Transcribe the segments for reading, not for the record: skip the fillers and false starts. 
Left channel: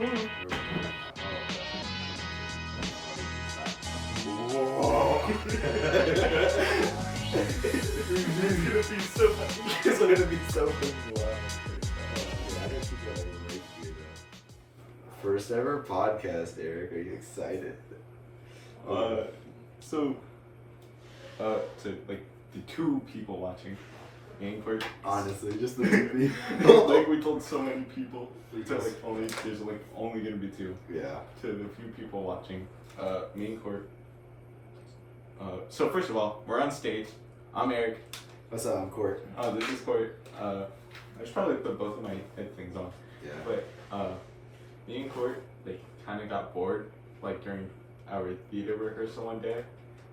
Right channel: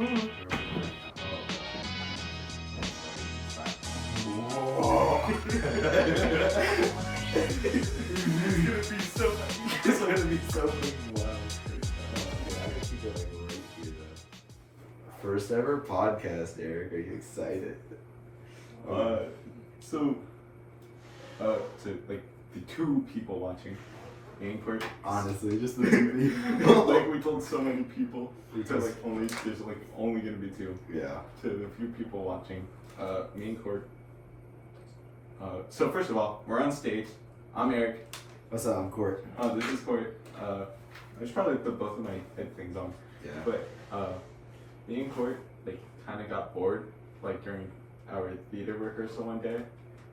It's gonna be so fucking wild. First ever podcast, Eric. Are you excited? So like the two people watching, game part. Honestly, just the two people. Like we told so many people, there's only gonna be two. Yeah. To the few people watching, me and Court. So first of all, we're on stage. I'm Eric. What's up? I'm Court. This is Court. I should probably put both of my head things on. Yeah. But me and Court kind of got bored during our theater rehearsal one day.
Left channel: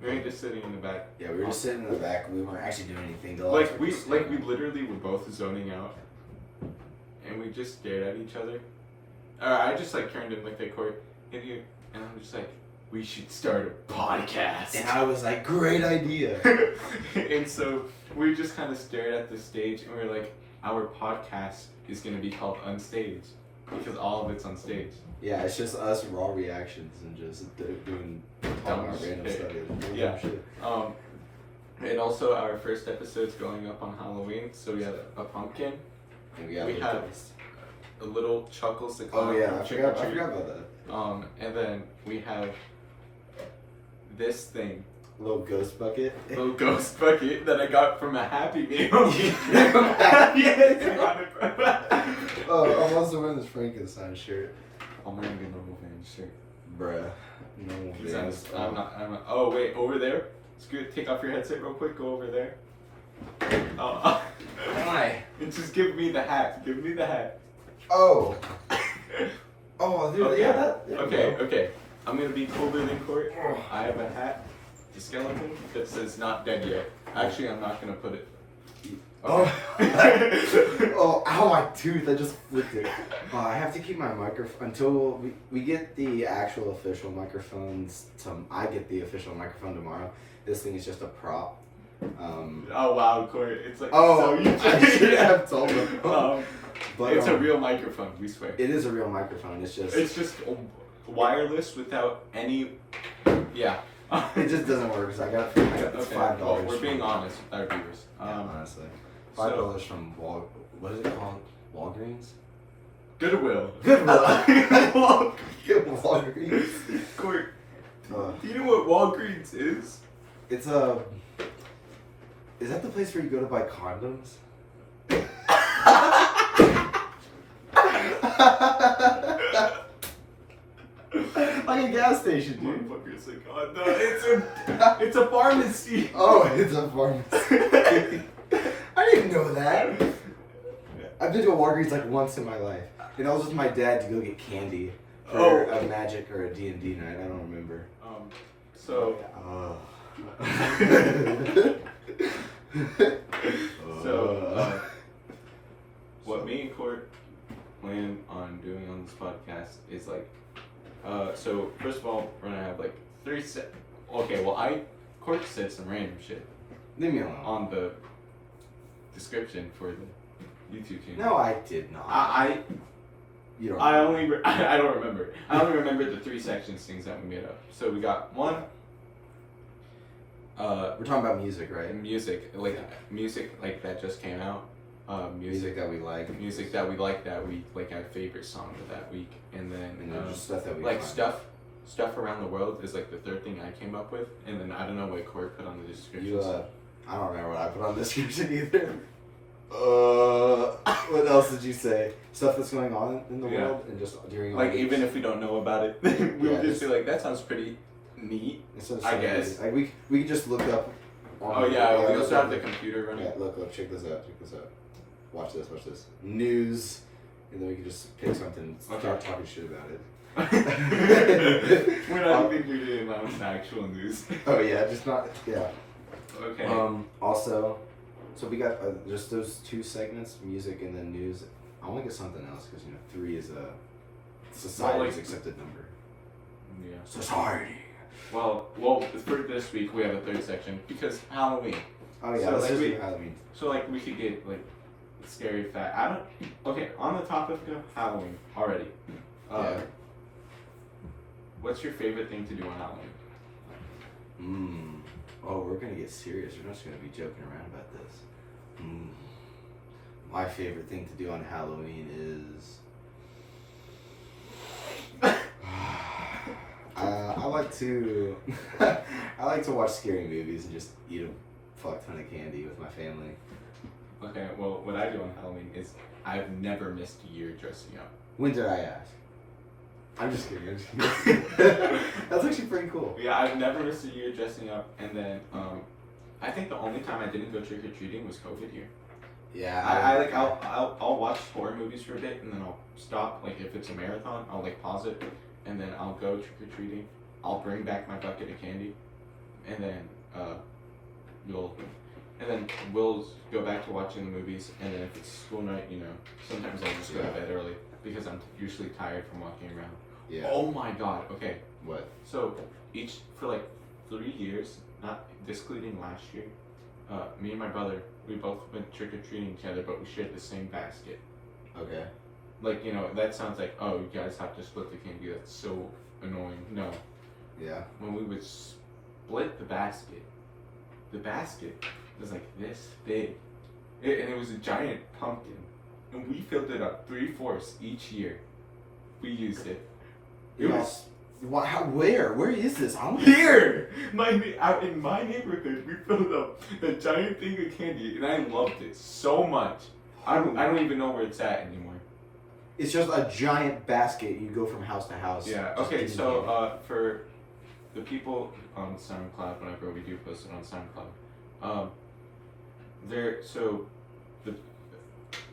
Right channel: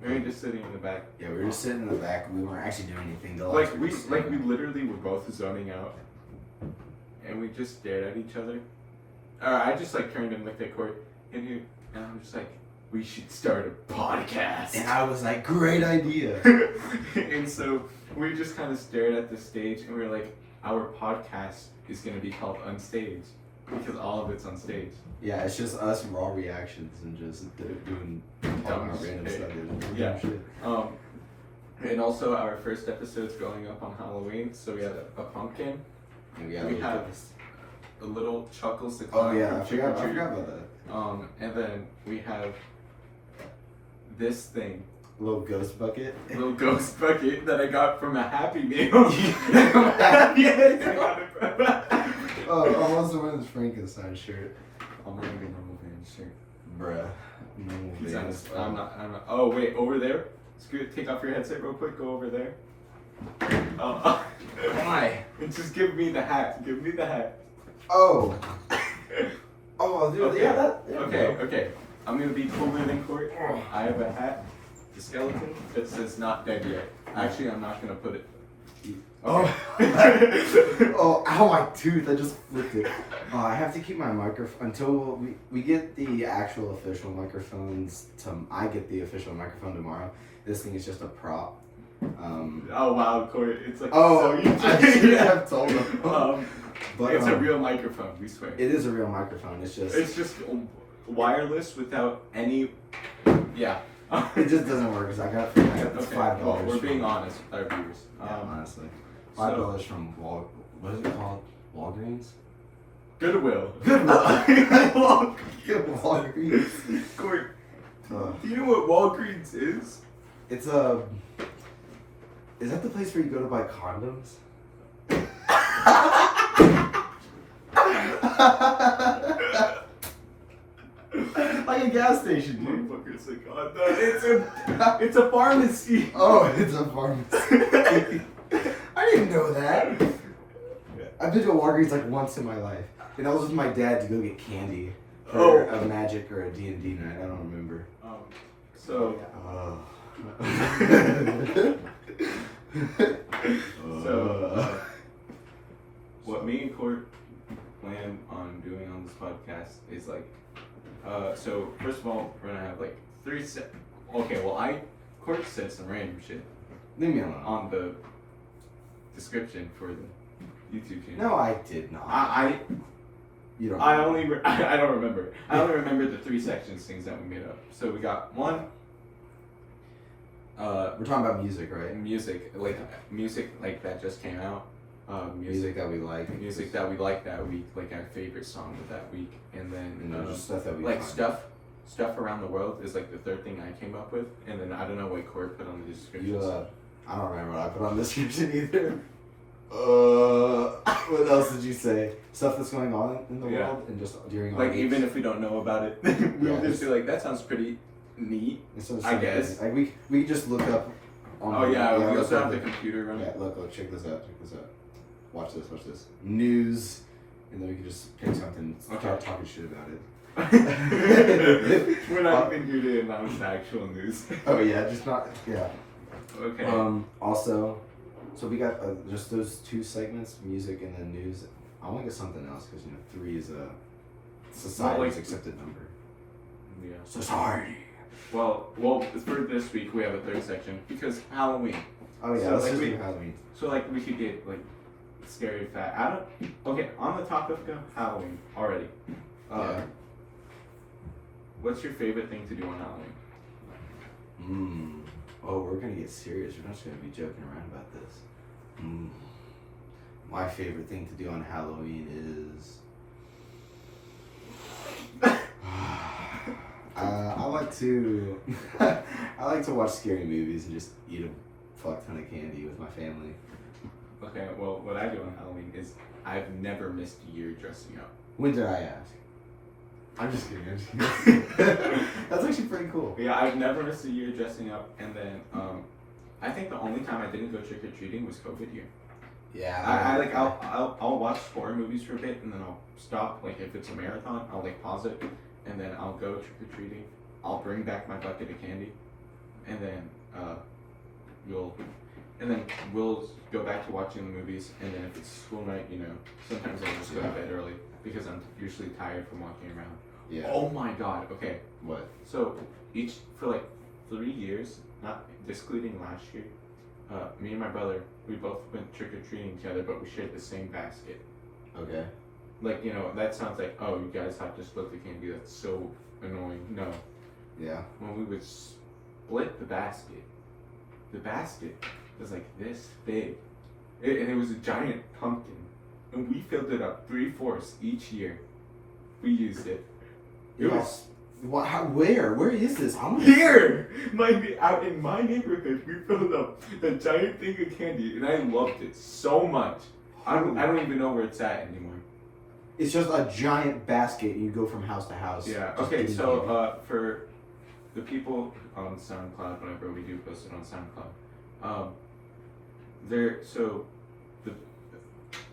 We were just sitting in the back. Yeah, we were just sitting in the back. We weren't actually doing anything. We literally were both zoning out, and we just stared at each other. I just turned and looked at Court, and I'm just like, we should start a podcast. And I was like, great idea. And so we just kind of stared at the stage, and we were like, our podcast is gonna be called Unstaged because all of it's on stage. Yeah, it's just us raw reactions and just doing random stuff. Yeah. Shit. And also our first episode's going up on Halloween, so we have a pumpkin. And we have a little Chuckles to come. Oh yeah, I forgot about that. And then we have this thing. Little ghost bucket. Little ghost bucket that I got from a Happy Meal. Oh, I'm also wearing this Frankenstein shirt. I'm wearing a normal van shirt. Bruh. I'm not. Oh wait, over there. Take off your headset real quick. Go over there. Why? And just give me the hat. Give me the hat. Oh. Oh, dude. Okay. Yeah. Okay. I'm gonna be cooler than Court. I have a hat. The skeleton that says "not dead yet." Actually, I'm not gonna put it. Oh. Oh, ow, my tooth. I just flipped it. I have to keep my microphone until we get the actual official microphones. I get the official microphone tomorrow. This thing is just a prop. Oh wow, Corey! It's like so you I should have told them. But it's a real microphone. We swear. It is a real microphone. It's just wireless without any. Yeah. It just doesn't work because I got this $5. Well, we're being honest with our viewers. Honestly, $5 from what is it called? Walgreens. Goodwill. Walgreens. Court. Do you know what Walgreens is? It's Is that the place where you go to buy condoms? Like a gas station, dude. Motherfucker's like, oh no, it's a pharmacy. Oh, it's a pharmacy. I didn't know that. I've been to a Walgreens once in my life, and I was with my dad to go get candy for a Magic or a D&D night. I don't remember. What me and Court plan on doing on this podcast is so first of all, we're gonna have 3 set. Okay, well Court said some random shit. Leave me alone. On the description for the YouTube channel. No, I did not. You don't. I don't remember. I only remember the 3 sections things that we made up. So we got 1. We're talking about music, right? Music that just came out. Music that we like. Music that we like that week, our favorite song of that week, and then just stuff that we stuff around the world is the 3rd thing I came up with, and then I don't know what Court put on the description. I don't remember what I put on the description either. What else did you say? Stuff that's going on in the world and just during even if we don't know about it, we'll just be that sounds pretty neat. I guess. We could just look up. We also have the computer running. Yeah, look, check this out. Watch this. News, and then we can just pick something. Start talking shit about it. We're not even here to announce the actual news. Oh yeah, just not. Yeah. Okay. Also, so we got just those 2 segments, music and then news. I want to get something else because 3 is a society's accepted number. Yeah. Society. Well, for this week we have a 3rd section because Halloween. Oh yeah, let's just do Halloween. So we could get scary fact. On the topic of Halloween already. What's your favorite thing to do on Halloween? Oh, we're gonna get serious. We're not just gonna be joking around about this. My favorite thing to do on Halloween is I like to watch scary movies and just eat a fuck ton of candy with my family. Okay, well, what I do on Halloween is I've never missed a year dressing up. When did I ask? I'm just kidding. That's actually pretty cool. Yeah, I've never missed a year dressing up, and then I think the only time I didn't go trick or treating was COVID year. Yeah. I'll watch horror movies for a bit, and then I'll stop. Like if it's a marathon, I'll like pause it, and then I'll go trick or treating. I'll bring back my bucket of candy, and then we'll go back to watching the movies, and then if it's school night, sometimes I'll just go to bed early because I'm usually tired from walking around. Yeah. Oh my god, okay. What? So, for like 3 years, not excluding last year, me and my brother, we both went trick-or-treating together, but we shared the same basket. Okay. Like, that sounds like, oh, you guys have to split the candy, that's so annoying. No. Yeah. When we would split the basket was like this big. And it was a giant pumpkin. And we filled it up 3/4 each year. We used it. It was where is this? here. Out in my neighborhood, we filled up a giant thing of candy, and I loved it so much. I don't even know where it's at anymore. It's just a giant basket. You go from house to house. Yeah. Okay. So for the people on SoundCloud, whenever we do post it on SoundCloud,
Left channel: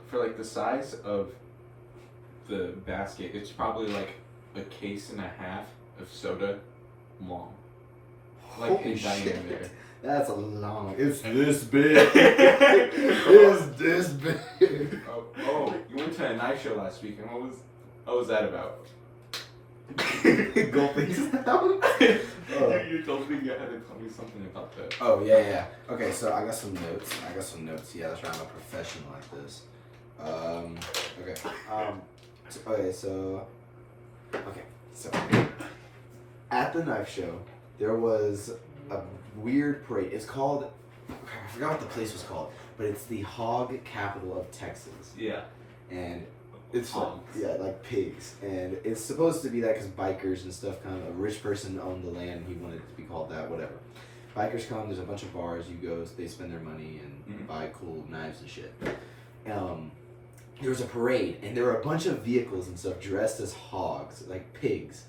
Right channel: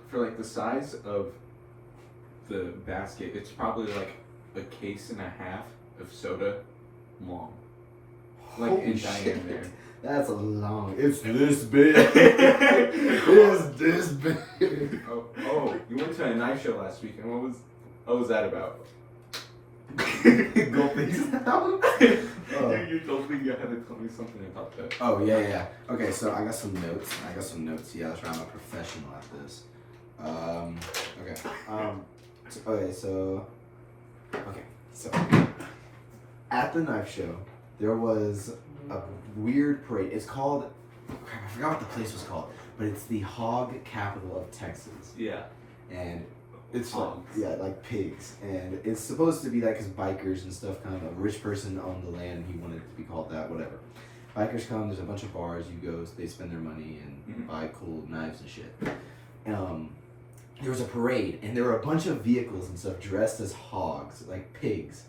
for like the size of the basket, it's probably like a case and a half of soda long. Like Holy in diameter. That's a long. It's this big. It's this big. Oh, you went to a knife show last week, and what was that about? Go please. You told me you had to tell me something about that. Oh yeah. Okay, so I got some notes. Yeah, that's right. I'm a professional at this. So at the knife show, there was a weird parade. It's called, I forgot what the place was called, but it's the hog capital of Texas. Yeah. And it's hogs. like pigs. And it's supposed to be that because bikers and stuff come. A rich person owned the land and he wanted it to be called that, whatever. Bikers come, there's a bunch of bars, you go, they spend their money and buy cool knives and shit. There was a parade, and there were a bunch of vehicles and stuff dressed as hogs, like pigs,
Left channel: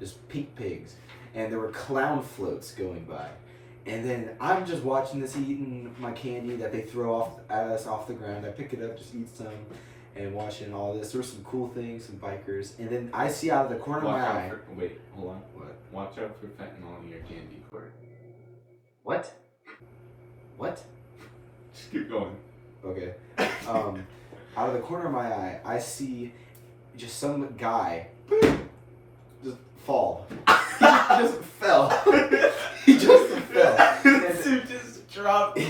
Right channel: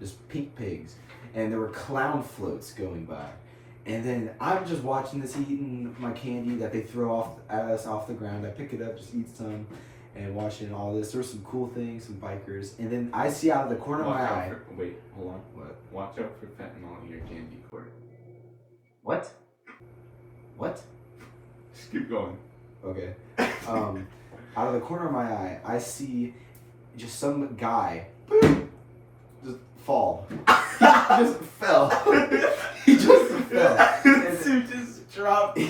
just pink pigs, and there were clown floats going by. And then I'm just watching this, eating my candy that they throw at us off the ground. I pick it up, just eat some, and watching all this. There were some cool things, some bikers, and then I see out of the corner of my eye. Wait, hold on. What? Watch out for fentanyl in your candy court. What? Just keep going. Okay. Out of the corner of my eye, I see just some guy just fall. He just fell. He just fell. And just dropped. And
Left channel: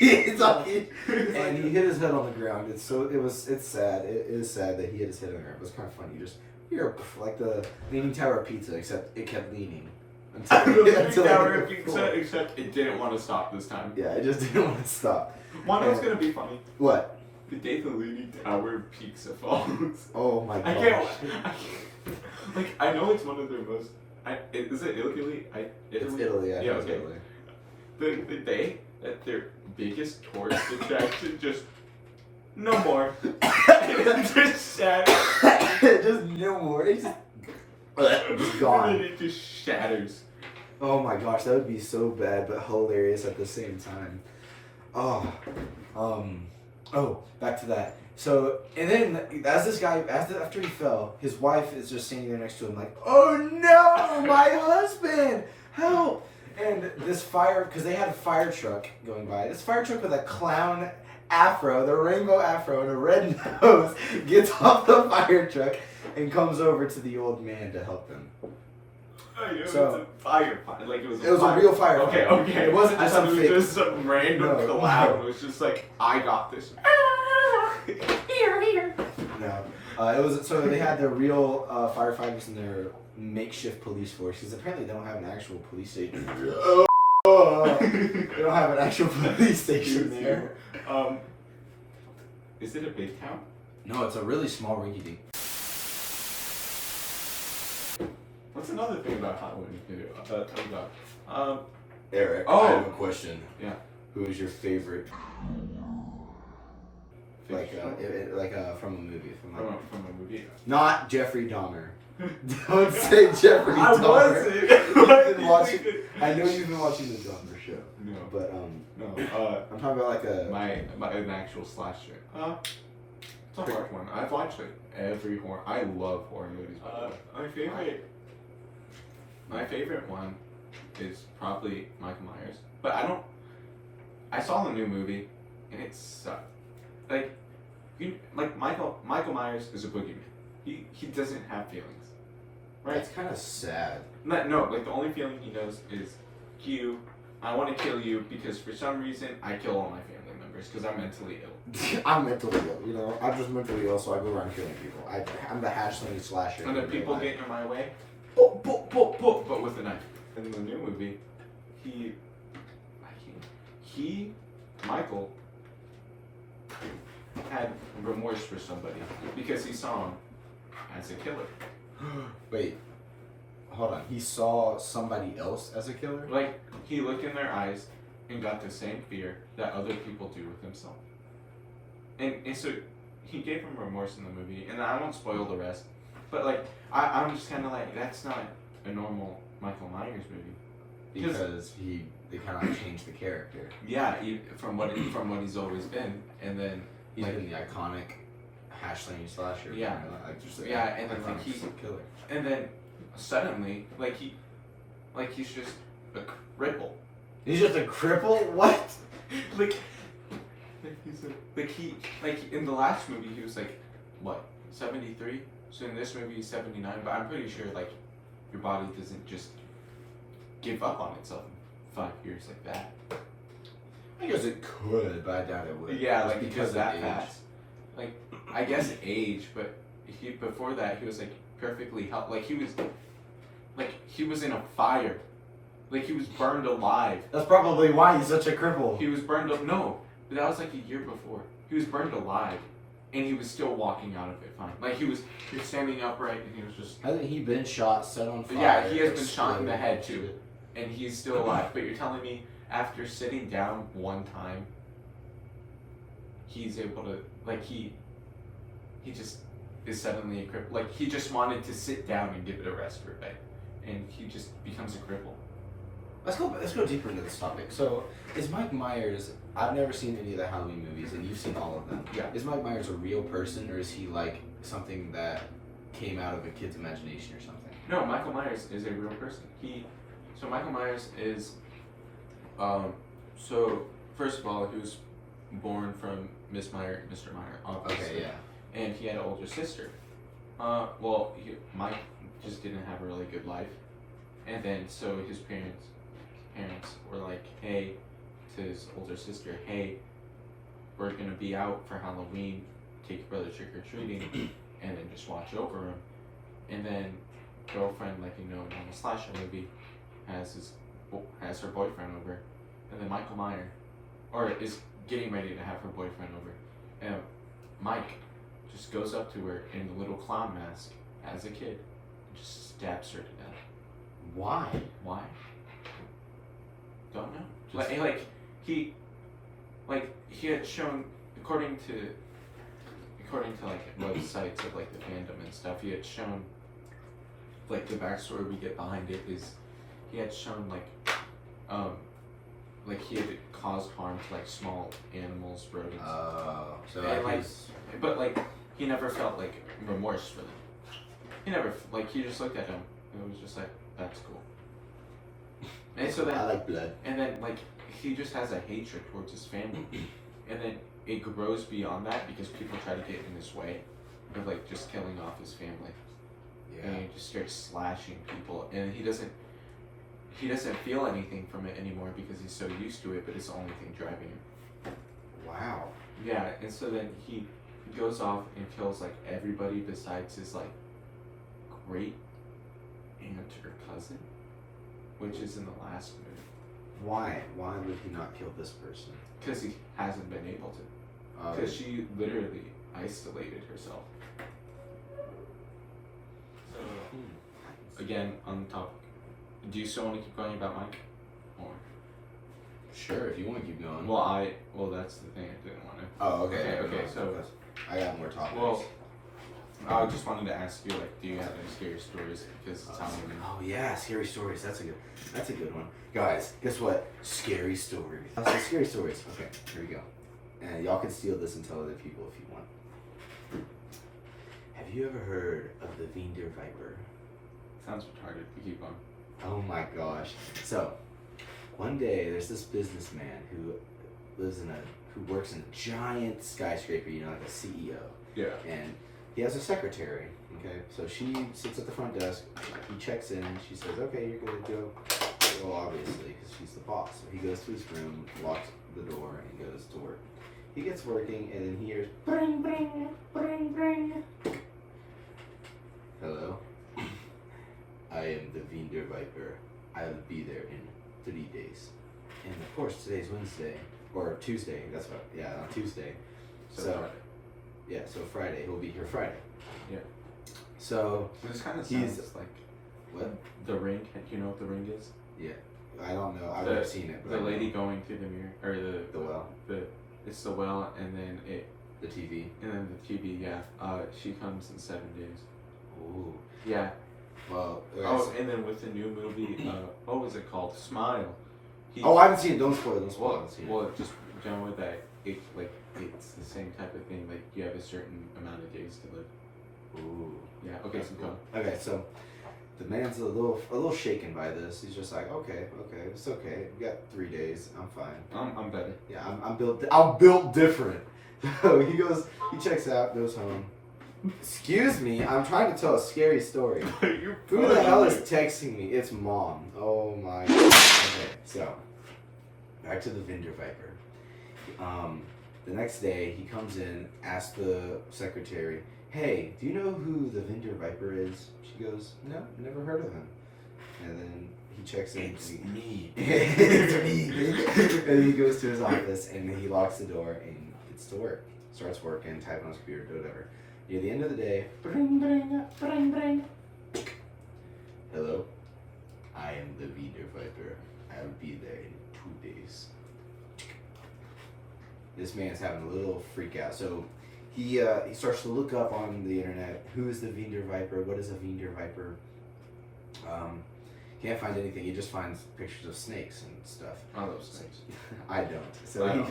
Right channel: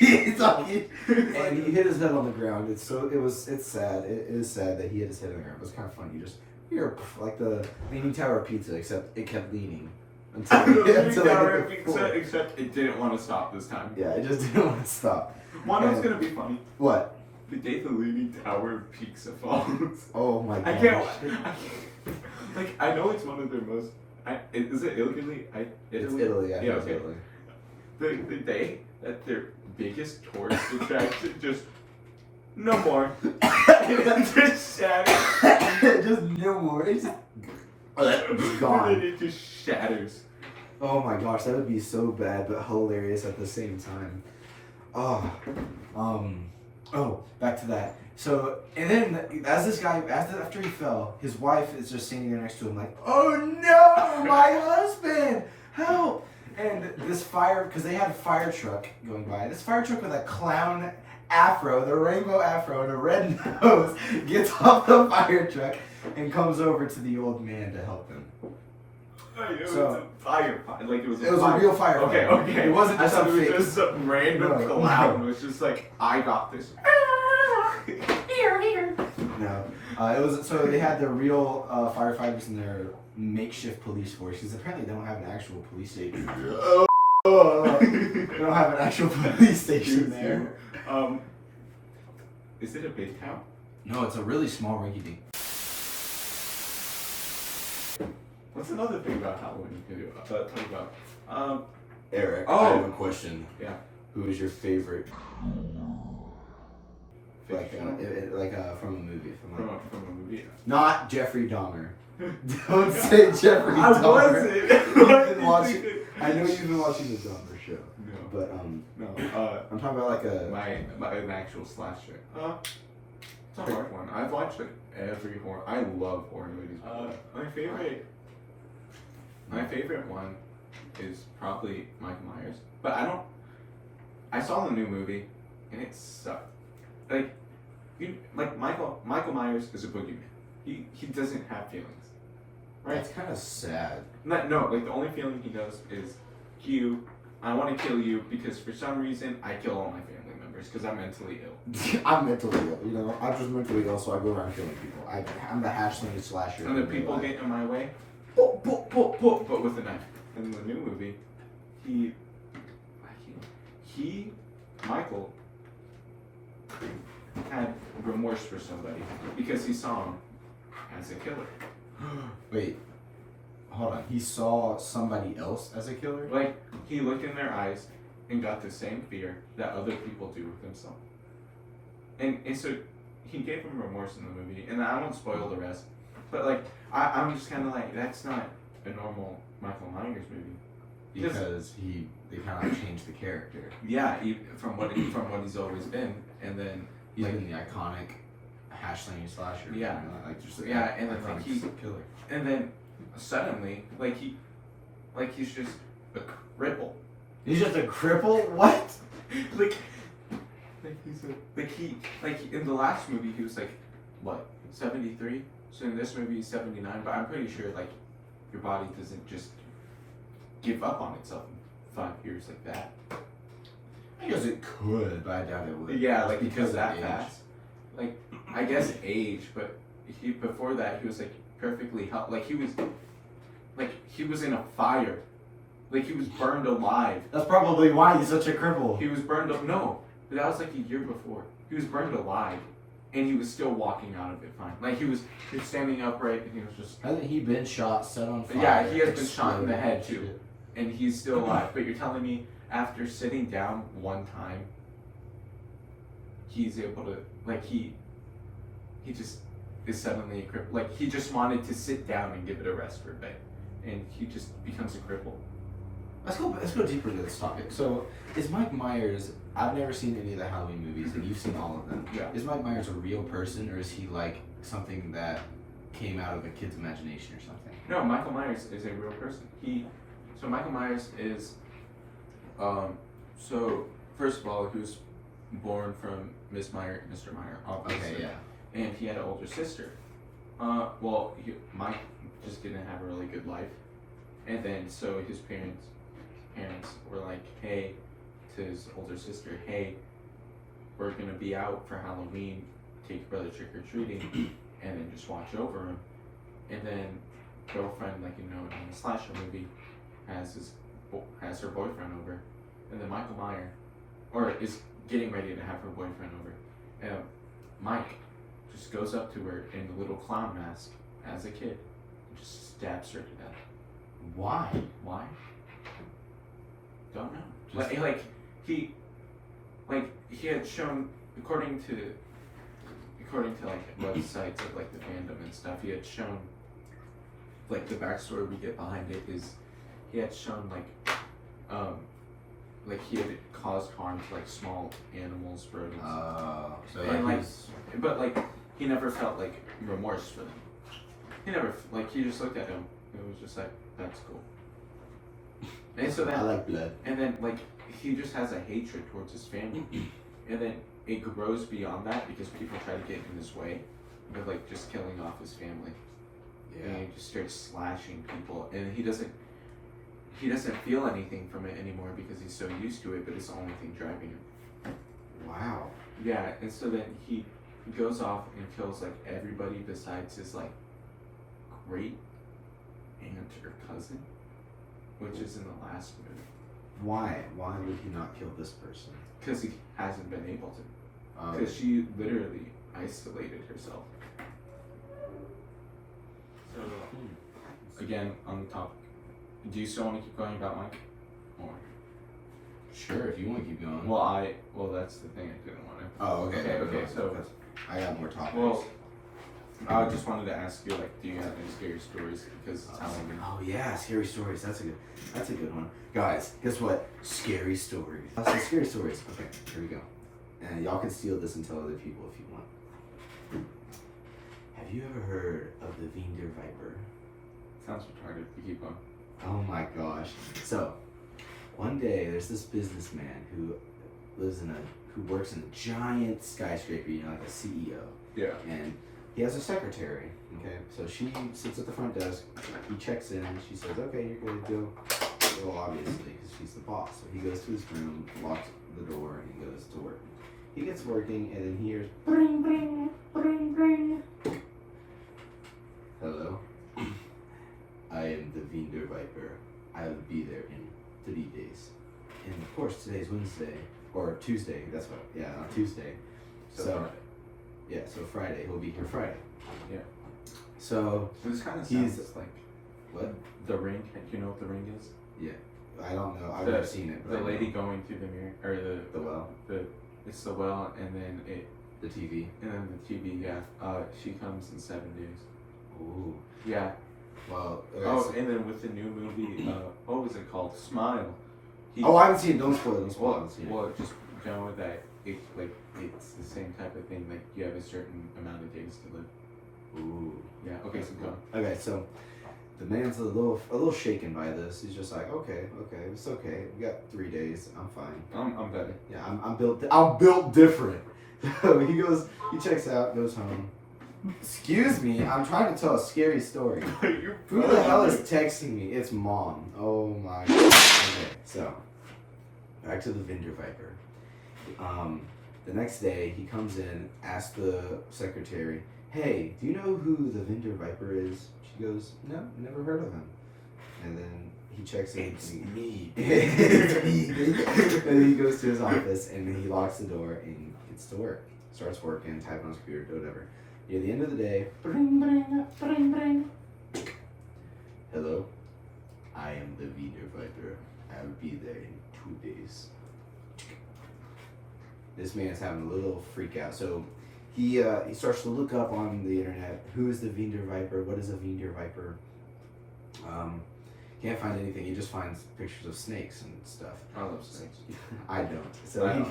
he hit his head on the ground. It's sad. It is sad that he hit his head on the ground. It was kind of funny. You just hear like the Leaning Tower of Pizza, except it kept leaning until except it didn't want to stop this time. Yeah, it just didn't want to stop. One was gonna be funny. What? The day the Leaning Tower of Pizza falls. Oh my god. I can't. Like, I know it's one of their most. Is it Italy? It's Italy. Yeah, okay. Italy. The day that their biggest tourist attraction just no more. It just shatters. Just no more. It's just gone. It just shatters. Oh my gosh, that would be so bad but hilarious at the same time. Back to that. So, and then after he fell, his wife is just standing there next to him like, oh no, my husband, help! And this because they had a fire truck going by. This fire truck with a clown afro, the rainbow afro, and a red nose, gets off the fire truck and comes over to the old man to help him. It was a fire. Like it was a real fire. Okay. It wasn't just some fake. Just some random clown. It was just like, I got this. Here. No. It was so they had their real firefighters and their makeshift police force because apparently they don't have an actual police station. They don't have an actual police station there. Is it a big town? No, it's a really small rinky-dink. What's another thing about Halloween to talk about? Eric, Oh. I have a question. Yeah. Who is your favorite? Like, Fictional? from a movie. From a movie. Not Jeffrey Dahmer. Don't say Jeffrey I Dahmer. wasn't. I know you've been watching the Dahmer show. No. But No. I'm talking about like a. An actual slasher. It's a hard one. I've watched like every horror. I love horror movies. My favorite one is probably Michael Myers. But I saw the new movie and it sucked. Michael Myers is a boogeyman. He doesn't have feelings. Right? It's kind of sad. No, like the only feeling he knows is I want to kill you because for some reason I kill all my family members because I'm mentally ill. I'm mentally ill, you know. I'm just mentally ill, so I go around killing people. I'm the #slinging slasher. And then people get in my way, but with a knife. In the new movie, Michael, had remorse for somebody because he saw him as a killer. Wait, hold on. He saw somebody else as a killer? Like, he looked in their eyes and got the same fear that other people do with himself. And so he gave him remorse in the movie, and I won't spoil the rest, but like, I'm just kind of like, that's not a normal Michael Myers movie. Because they kind of changed the character. Yeah, from what he's always been, and then He's been the iconic #slinging slasher. Yeah. You know, like just the and then iconic killer. and then suddenly, he's just a cripple. He's just a cripple? What? In the last movie he was like, what, 73? So in this movie he's 79, but I'm pretty sure like your body doesn't just give up on itself in 5 years like that. I guess it could, but I doubt it would. Yeah, Just like because of that age. fast. Like, I guess age, but before that he was like perfectly healthy. Like he was in a fire. Like he was burned alive. That's probably why he's such a cripple. He was burned no, that was like a year before. He was burned alive, and he was still walking out of it fine. Like he was standing upright, and he was just. Hasn't he been shot, set on fire? Yeah, he has been shot in the head exploded? too, and he's still alive. But you're telling me after sitting down one time, he's able to he just is suddenly a cripple. Like he just wanted to sit down and give it a rest for a bit, and he just becomes a cripple. Let's go deeper into this topic. So, is Mike Myers? I've never seen any of the Halloween movies, and you've seen all of them. Yeah. Is Mike Myers a real person, or is he like something that came out of a kid's imagination or something? No, Michael Myers is a real person. So Michael Myers is, so first of all, he was born from Mr. Meyer, obviously. Okay, yeah. And he had an older sister. Mike just didn't have a really good life, and then so his parents were like, hey, to his older sister, hey, we're gonna be out for Halloween, take your brother trick or treating, and then just watch over him. And then girlfriend, like in a slasher movie, has her boyfriend over, and then Michael Myers, is getting ready to have her boyfriend over, and Mike just goes up to her in the little clown mask as a kid, and just stabs her to death. Why? Why? Don't know. Just- He had shown, according to like websites of like the fandom and stuff, he had shown like the backstory we get behind it is he had shown like he had caused harm to like small animals, rodents. So And, like like, but like he never felt like remorse for them. He never he just looked at him and it was just like, that's cool. And so I that like blood. and then like he just has a hatred towards his family. And then it grows beyond that because people try to get in his way of like just killing off his family. Yeah. And he just starts slashing people, and he doesn't feel anything from it anymore because he's so used to it, but it's the only thing driving him. Wow. Yeah, and so then he He goes off and kills like everybody besides his like great aunt or cousin, which is in the last movie. Why? Why would he not kill this person? Because he hasn't been able to. Because she literally isolated herself. So, again, on the topic, do you still want to keep going about Mike? Or? Sure, if you want to keep going. Well, that's the thing I didn't want to. Oh, okay. Okay, so I got more topics. Well, I just wanted to ask you, like, do you have any scary stories? Because it's Halloween. Oh yeah, scary stories. That's a good one. Guys, guess what? Scary stories. So scary stories. Okay, here we go. And y'all can steal this and tell other people if you want. Have you ever heard of the Vinder Viper? Sounds retarded. You keep on. Oh my gosh. So, one day there's this businessman who works in a giant skyscraper, you know, like a CEO. Yeah. And he has a secretary, okay? So she sits at the front desk, he checks in, and she says, okay, you're gonna go. Well, obviously, because she's the boss. So he goes to his room, locks the door, and goes to work. He gets working, and then he hears, bring, bring, bring, bring. Hello? I am the Vinder Viper. I will be there in 3 days. And of course, today's Wednesday, or Tuesday, that's what, yeah, on Tuesday. So yeah, so Friday, he'll be here Friday. Yeah. So this kind of sounds like what? The Ring. Do you know what The Ring is? Yeah, I don't know. I've never seen it. But the lady going through the mirror or the well. It's the well, and then the TV. And then the TV. Yeah. She comes in 7 days. Ooh. Yeah. Well. Okay, and then with the new movie, what was it called? Smile. I haven't seen it. Don't spoil it. Don't spoil it. I haven't seen it. Well, just going with that, it's the same type of thing. Like you have a certain amount of days to live. Ooh. Yeah. Okay. So go. Okay. So the man's a little shaken by this. He's just like, okay, it's okay. We got 3 days. I'm fine. I'm better. Yeah. I'm built different. So he checks out, goes home. Excuse me, I'm trying to tell a scary story. Who the hell is texting me? It's mom. Oh my god. Okay, so back to the Vinder Viper. The next day he comes in, asks the secretary, hey, do you know who the Vinder Viper is? She goes, no, never heard of him. And then he checks in. It's me. It's me. And he goes to his office and then he locks the door and gets to work. Starts working, typing on his computer, whatever. Near the end of the day, bring, bring, bring, bring. Hello, I am the Vinder Viper. I will be there in 2 days. This man's having a little freak out. So he starts to look up on the internet. Who is the Vinder Viper? What is a Vinder Viper? Can't find anything. He just finds pictures of snakes and stuff. I love snakes. I don't. So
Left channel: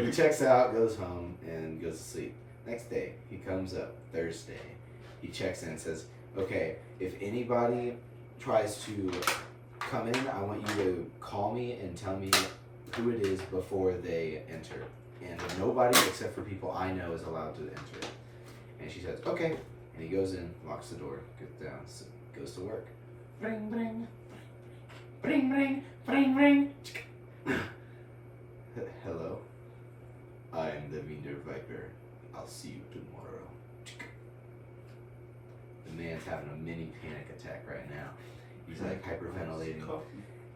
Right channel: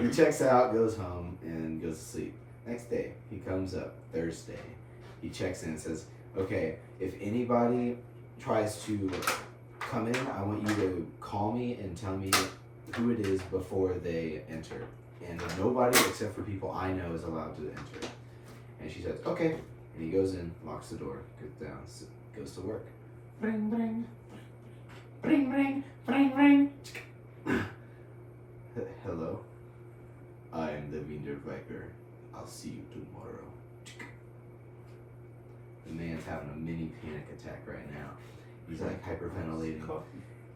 he checks out, goes home, and goes to sleep. Next day, he comes up Thursday. He checks in and says, okay, if anybody tries to come in, I want you to call me and tell me who it is before they enter. And nobody except for people I know is allowed to enter. And she says, okay. And he goes in, locks the door, goes down, goes to work. Bring, bring. Bring, bring. Bring, bring. Hello. I am the Vinder Viper. I'll see you tomorrow. The man's having a mini panic attack right now. He's like hyperventilating.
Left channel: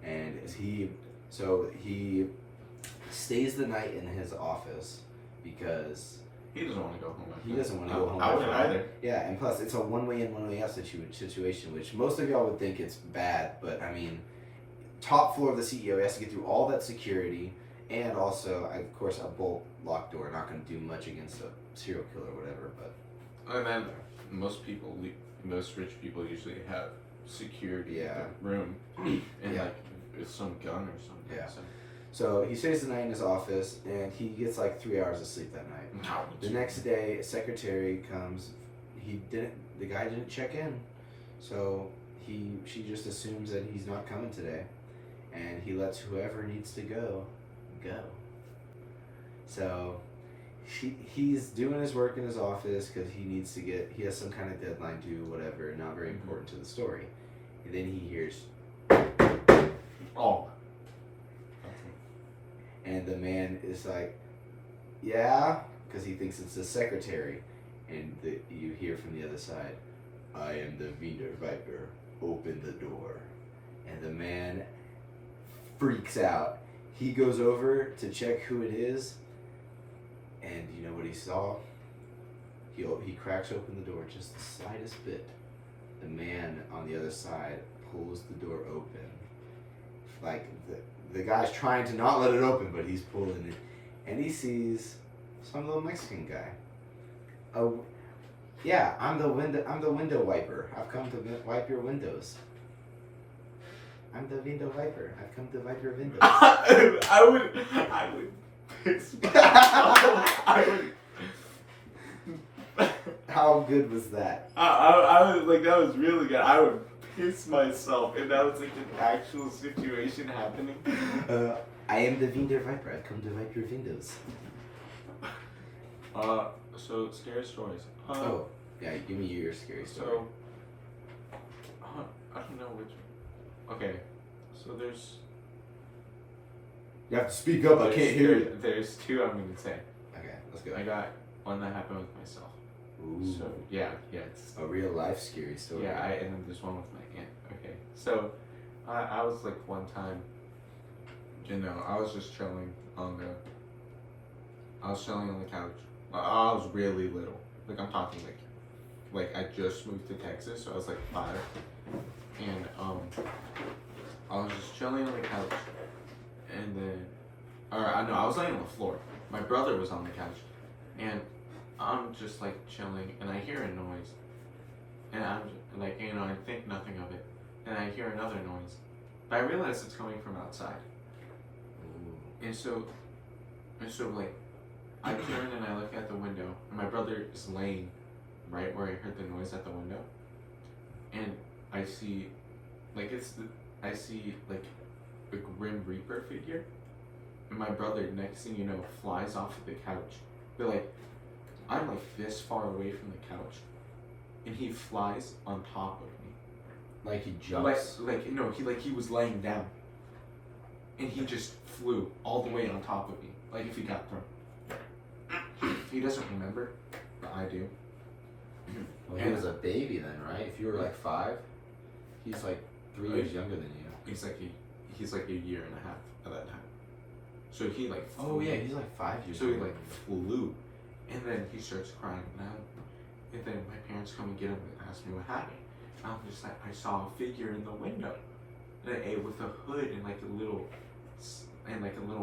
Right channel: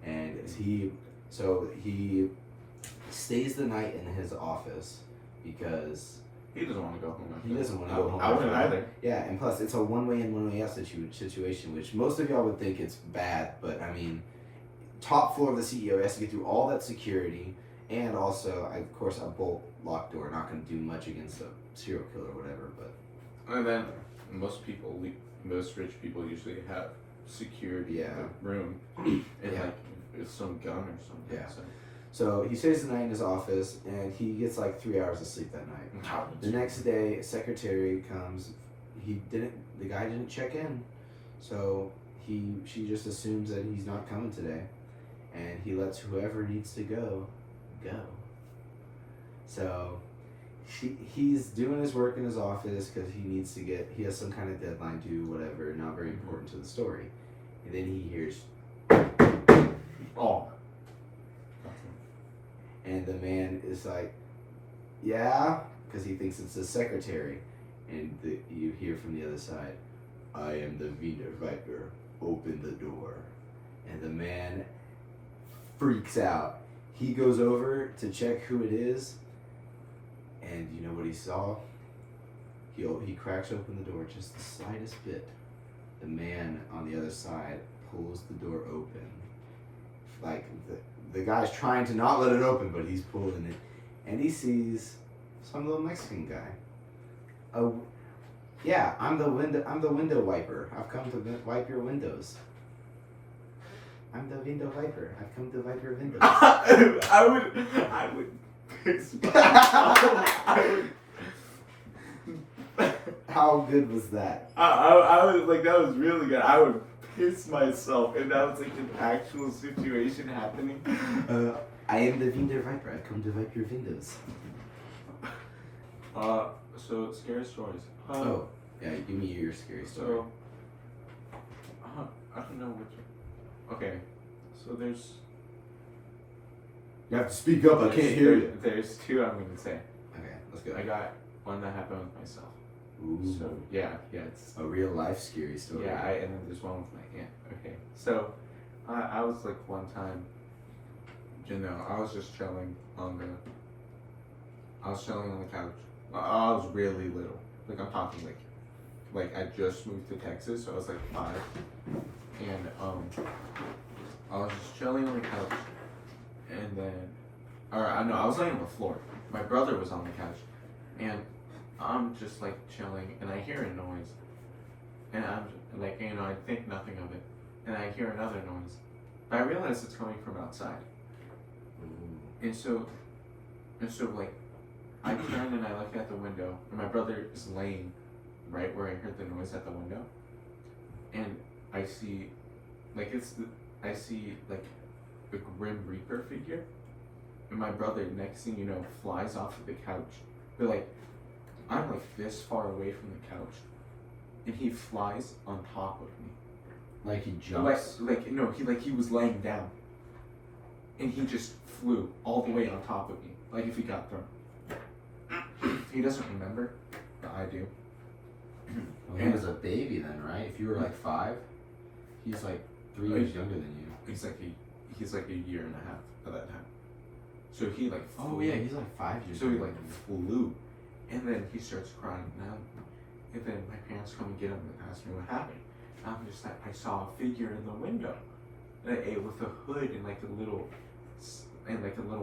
And he stays the night in his office because he doesn't want to go home. He doesn't want to go home. I wouldn't either. Yeah, and plus it's a one-way in, one-way out situation, which most of y'all would think it's bad, but I mean, top floor of the CEO, he has to get through all that security, and also, of course, a bolt locked door. Not going to do much against a serial killer or whatever, but. And then most rich people usually have security in the room and like some gun or something. Yeah. So he stays the night in his office, and he gets like 3 hours of sleep that night. The next day, a secretary comes. The guy didn't check in, so she just assumes that he's not coming today, and he lets whoever needs to go. So he's doing his work in his office because he has some kind of deadline due, whatever, not very important to the story. And then he hears, oh. And the man is like, yeah, because he thinks it's his secretary. And you hear from the other side, I am the Wiener Viper. Open the door. And the man freaks out. He goes over to check who it is. And you know what he saw? He cracks open the door just the slightest bit. The man on the other side pulls the door open. Like the guy's trying to not let it open, but he's pulling it. And he sees some little Mexican guy. Oh, yeah, I'm the window wiper. I've come to wipe your windows. I'm the window wiper. I've come to wipe your windows. I would piss I would. How good was that? I was like, that was really good. I would piss myself if that was like an actual situation happening. I am the Wiener Viper. I've come to wipe your windows. So scary stories. Oh, yeah. Give me your scary story. So, I don't know which. Okay, so there's. You have to speak up. I can't hear you. There's two I'm gonna say. Okay, let's go. I got one that happened with myself. Ooh. So yeah, it's a real life scary story. Yeah, and then there's one with my aunt. Okay, so I was like one time, you know, I was chilling on the couch. I was really little. Like I'm talking like I just moved to Texas, so I was like 5, and I was just chilling on the couch, and then, I was laying on the floor. My brother was on the couch, and I'm just like chilling, and I hear a noise, and I'm like, you know, I think nothing of it, and I hear another noise, but I realize it's coming from outside, and so like, I turn and I look at the window, and my brother is laying right where I heard the noise at the window, and I see like a Grim Reaper figure, and my brother, next thing you know, flies off of the couch, but like, I'm like this far away from the couch, and he flies on top of me. Like he jumps? He was laying down, and he just flew all the way on top of me, like if he got thrown. He doesn't remember, but I do. Well, he was a baby then, right? If you were like 5, he's like 3 years younger than you. He's like a year and a half at that time. So he like flew. Oh yeah, he's like 5 years. So he like flew, and then he starts crying now. And then my parents come and get him and ask me what happened. I'm just like, I saw a figure in the window, with a hood and like a little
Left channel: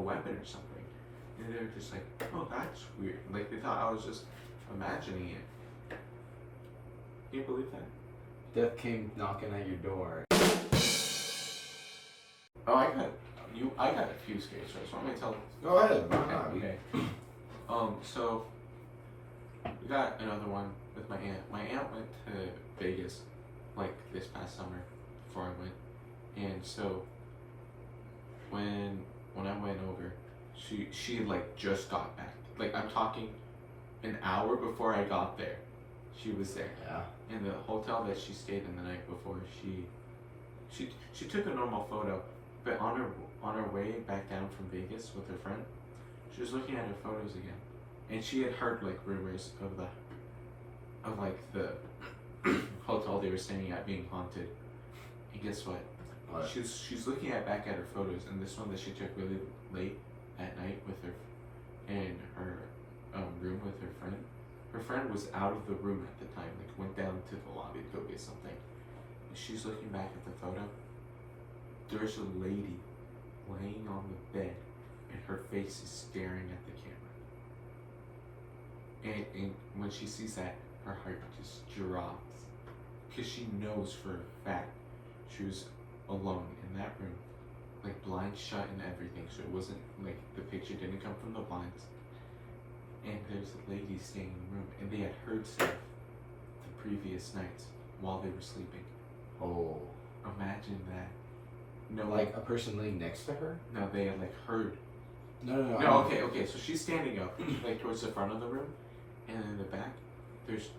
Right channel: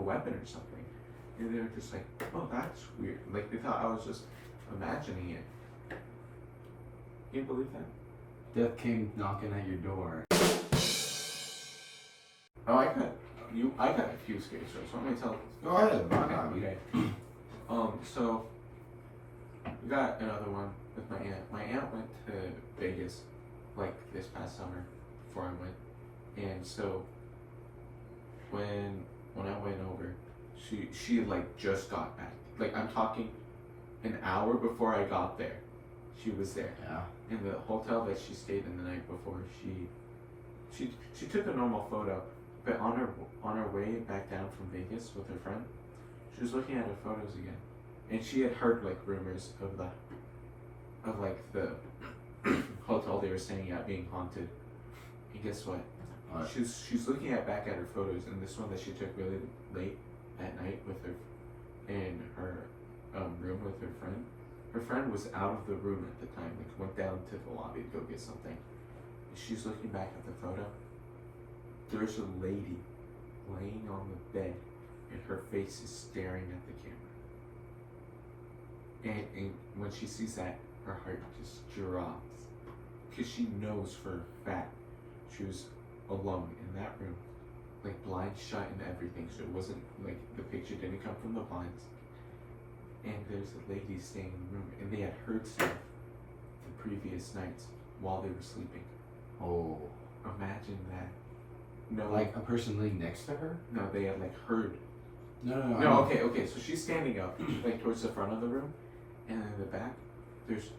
weapon or something. And they were just like, oh, that's weird. Like they thought I was just imagining it. Can you believe that? Death came knocking at your door. Oh, I got a few scary stories. So I'm gonna tell. Go ahead. Okay. So we got another one with my aunt. My aunt went to Vegas, like this past summer, before I went, and so when I went over, she like just got back. Like I'm talking, an hour before I got there, she was there. Yeah. In the hotel that she stayed in the night before, she took a normal photo, but on her way back down from Vegas with her friend, she was looking at her photos again, and she had heard like rumors of the hotel they were staying at being haunted. And guess what? She's looking back at her photos, and this one that she took really late at night with her in her room with her friend. Her friend was out of the room at the time, like went down to the lobby to go get something. And she's looking back at the photo. There's a lady laying on the bed, and her face is staring at the camera. And when she sees that, her heart just drops, because she knows for a fact she was alone in that room, like blinds shut and everything, so it wasn't like the picture didn't come from the blinds. And there's a lady staying in the room, and they had heard stuff the previous nights while they were sleeping. Oh. Imagine that. No, like a person laying next to her? No, they had like heard. No. Okay. So she's standing up, like towards the front of the room, and in the back, it's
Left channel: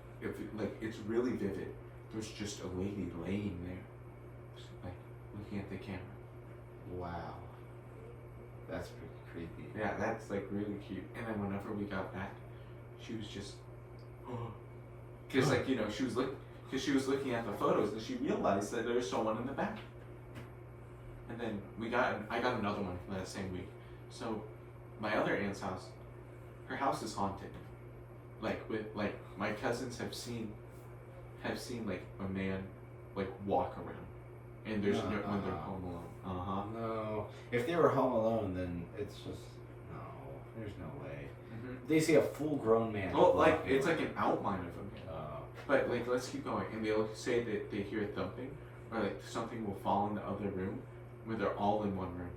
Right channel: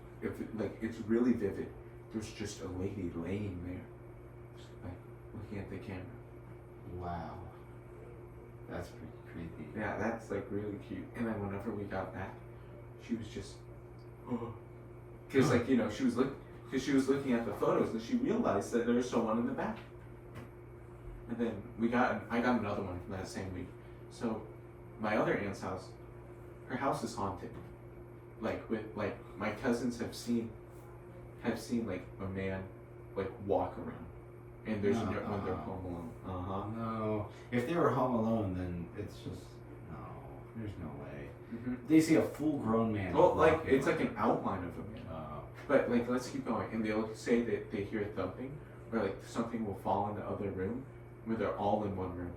really vivid. There's just a lady laying there, like looking at the camera. Wow. That's pretty creepy. Yeah, that's like really cute. And then whenever we got back, she was just, because like she was looking at the photos and she realized that there was someone in the back. And then I got another one from that same week. So my other aunt's house, her house is haunted. Like my cousins have seen like a man like walk around, and there's when they're home alone. No, if they were home alone, then it's just no. There's no way. Mm-hmm. They see a full-grown man. Well, like it's like an outline of a man. But like let's keep going, and they'll say that they hear thumping, or like something will fall in the other room, where they're all in one room.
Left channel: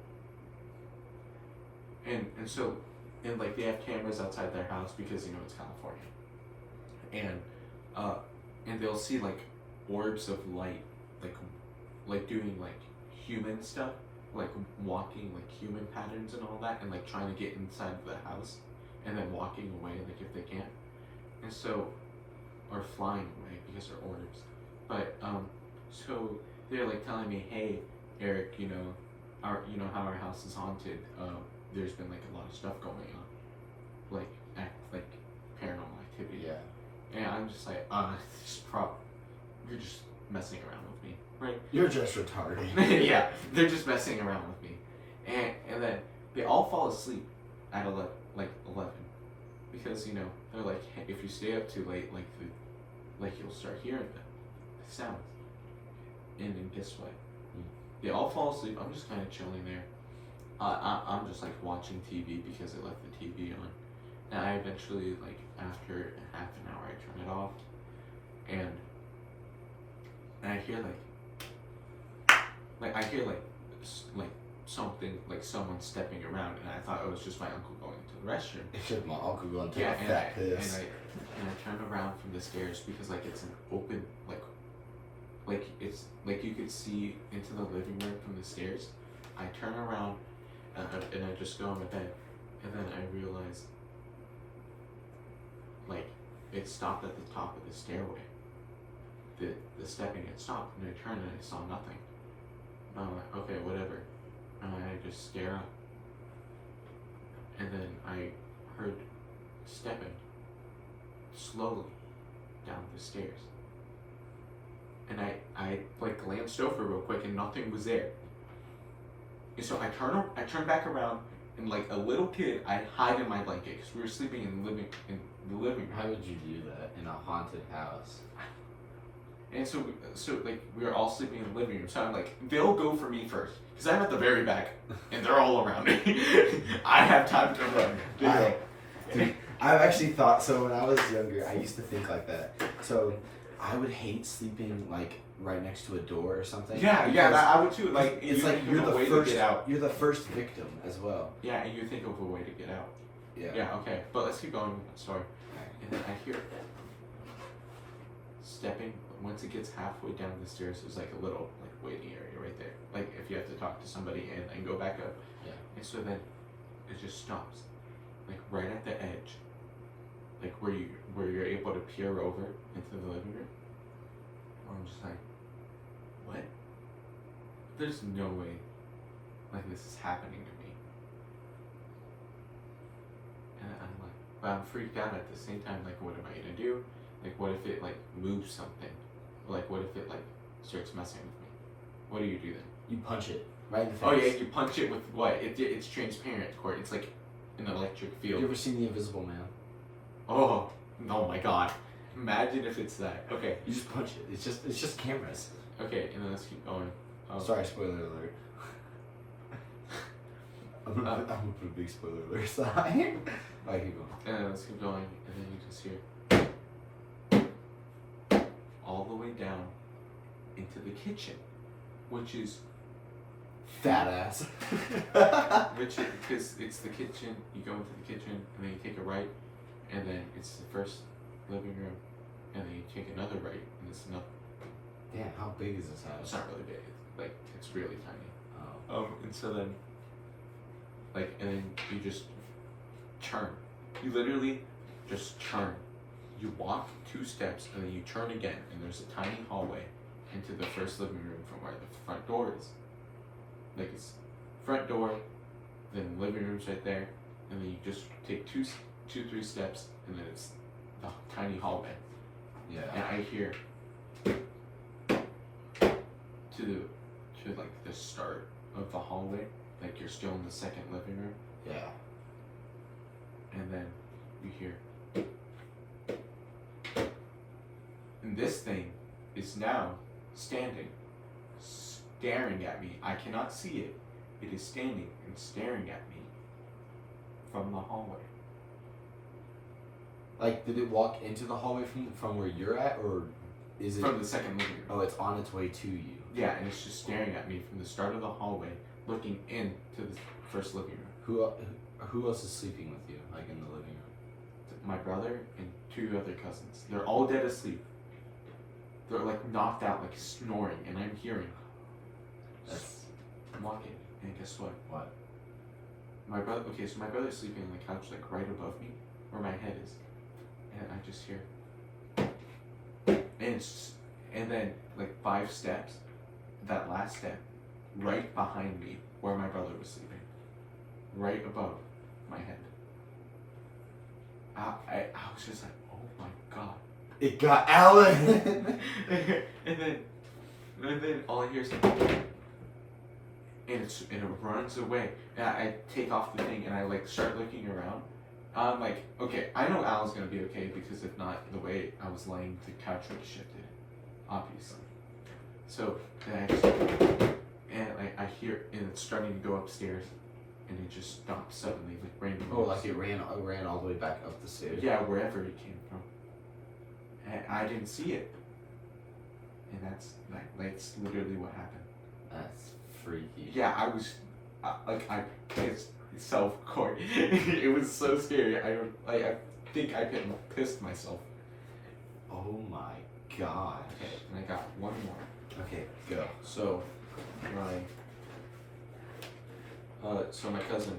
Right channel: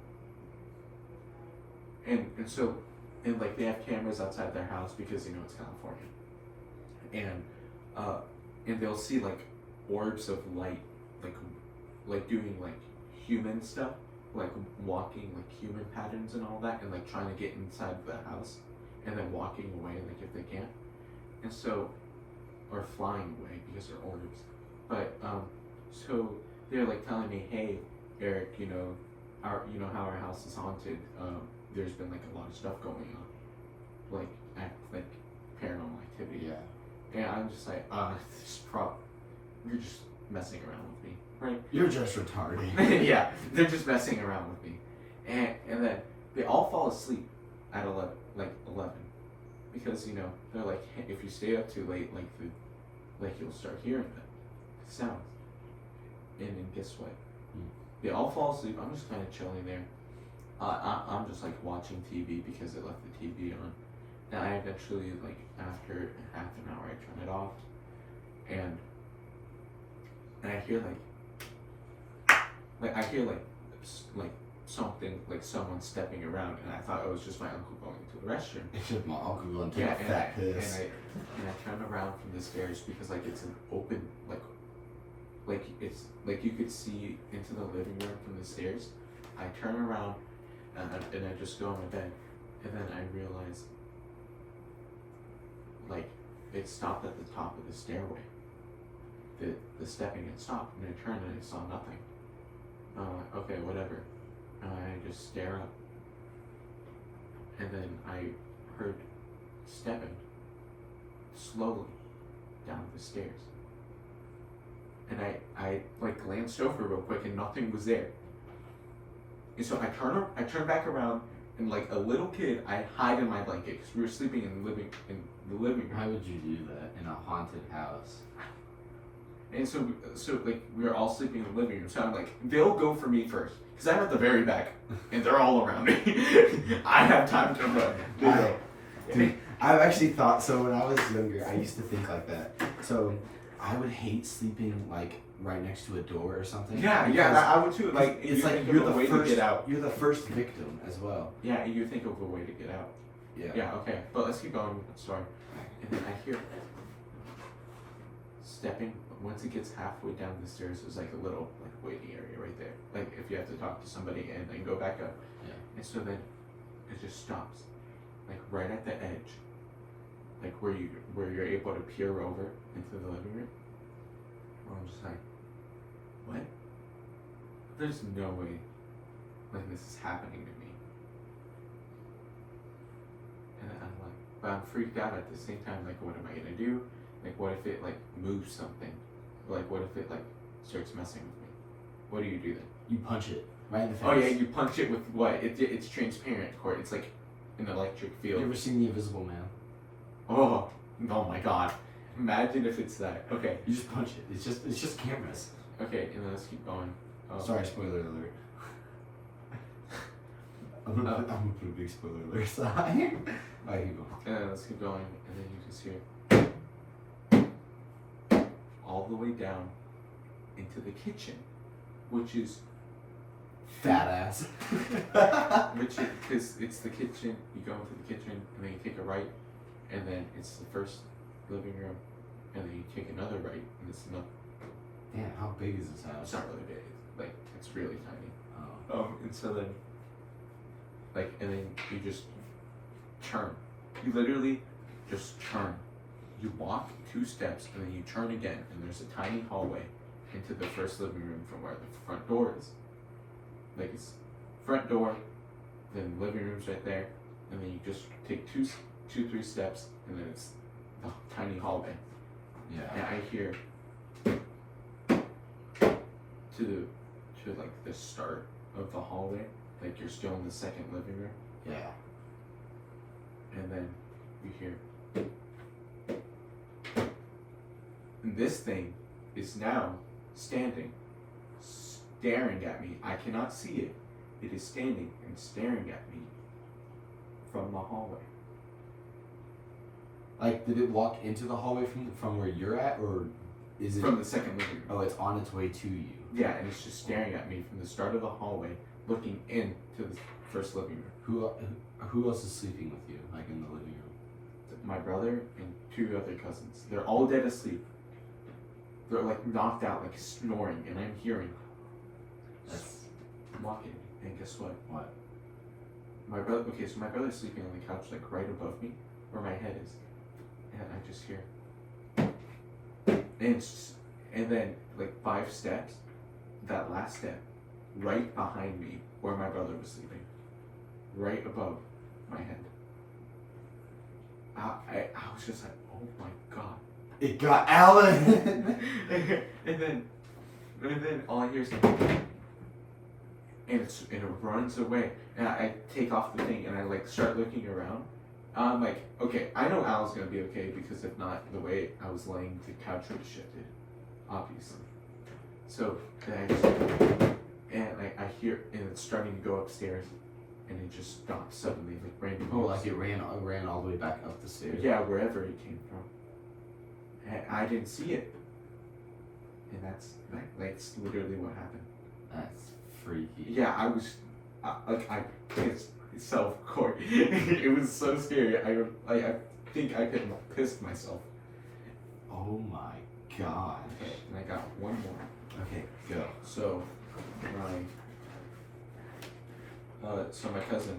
And so like they have cameras outside their house because it's California, and they'll see like orbs of light, like doing like human stuff, like walking like human patterns and all that, and like trying to get inside the house, and then walking away like if they can, and so or flying away because they're orbs. But so they're like telling me, hey Eric, how our house is haunted. There's been like a lot of stuff going on, like paranormal activity. Yeah. And I'm just like, you're just messing around with me, right? You're just retarded. Yeah, they're just messing around with me, and then they all fall asleep at 11, because they're like, hey, if you stay up too late, you'll start hearing the sounds, and then guess what? They all fall asleep. I'm just kind of chilling there. I'm just like watching TV because it left the TV on, and I eventually after half an hour I turn it off, and I hear I hear something, like someone stepping around, and I thought it was just my uncle going to the restroom. It's just my uncle going to take a fat piss. And I turn around from the stairs because it's an open it's like you could see into the living room from the stairs. I turn around and I just go on my bed, and then I realize it stopped at the top of the stairway. The stepping had stopped, and I turned and I saw nothing. I'm like, okay, whatever. And I just stare up, and then I heard stepping slowly down the stairs. And I glanced over real quick, and nothing was there. And so I turn back around, and like a little kid, I hide in my blanket because we were sleeping in the living room. How would you do that in a haunted house? And so we were all sleeping in the living room. So I'm like, they'll go for me first because I'm at the very back, and they're all around me. I have time to run. Dude, I've actually thought so. When I was younger, I used to think like that. So I would hate sleeping right next to a door or something. Yeah, I would too. It's you're the first. To get out. You're the first victim as well. Yeah, and you think of a way to get out. Yeah. Yeah. Okay, but let's keep going with the story. And then I hear stepping. Once it gets halfway down the stairs, there's a little waiting area right there. If you have to talk to somebody and then go back up. Yeah. And so then it just stops, right at the edge, where you're able to peer over into the living room. I'm just like, what? There's no way this is happening to me. And I'm like, but I'm freaked out at the same time. What am I gonna do? What if it moves something? What if it starts messing with me? What do you do then? You punch it right in the face. Oh yeah, you punch it with what? It's transparent, Court. It's like an electric field. You ever seen The Invisible Man? Oh my God! Imagine if it's that. Okay. You just punch it. It's just cameras. Okay, and then let's keep going. Sorry, spoiler alert. I'm gonna put a big spoiler alert sign. Alright, keep going. Let's keep going, and then you just hear all the way down into the kitchen, which is fat ass. Because it's the kitchen. You go into the kitchen, and then you take a right, and then it's the first living room, and then you take another right, and it's another. Damn, how big is this house? It's not really big. It's really tiny. Oh. And so then, and then you just turn. You literally just turn. You walk 2 steps, and then you turn again, and there's a tiny hallway into the first living room from where the front door is. It's front door, then living room's right there, and then you just take 2-3 steps, and then it's the tiny hallway. Yeah. And I hear to like the start of the hallway, like you're still in the second living room, Yeah. and then you hear, and this thing is now standing, staring at me. I cannot see it. It is standing and staring at me from the hallway. Like, did it walk into the hallway from where you're at, or is it From the second living room. Oh, it's on its way to you. Yeah, and it's just staring at me from the start of the hallway, looking into the first living room. Who else is sleeping with you, like in the living room? My brother and 2 other cousins. They're all dead asleep. They're like knocked out, like snoring, and I'm hearing. I'm walking, and guess what? What? My brother. Okay, so my brother's sleeping on the couch, like right above me, where my head is, and I just hear. And then like 5 steps, that last step, right behind me, where my brother was sleeping, right above my head. I was just like, oh my god. It got Alan. and then all I hear is and it runs away. And I take off the thing and I like start looking around. I'm like, okay, I know Al's gonna be okay because if not, the way I was laying, the couch would have shifted, obviously. So then I hear, and it's starting to go upstairs, and it just stops suddenly, like randomly. Oh, like it ran all the way back up the stairs. Yeah, wherever it came from. And I didn't see it, and that's literally what happened. That's freaky. Yeah, I was, I pissed myself, Corey. It was so scary. I think I pissed myself. Oh my god. Okay, and I got one more. Okay, go. So, my cousin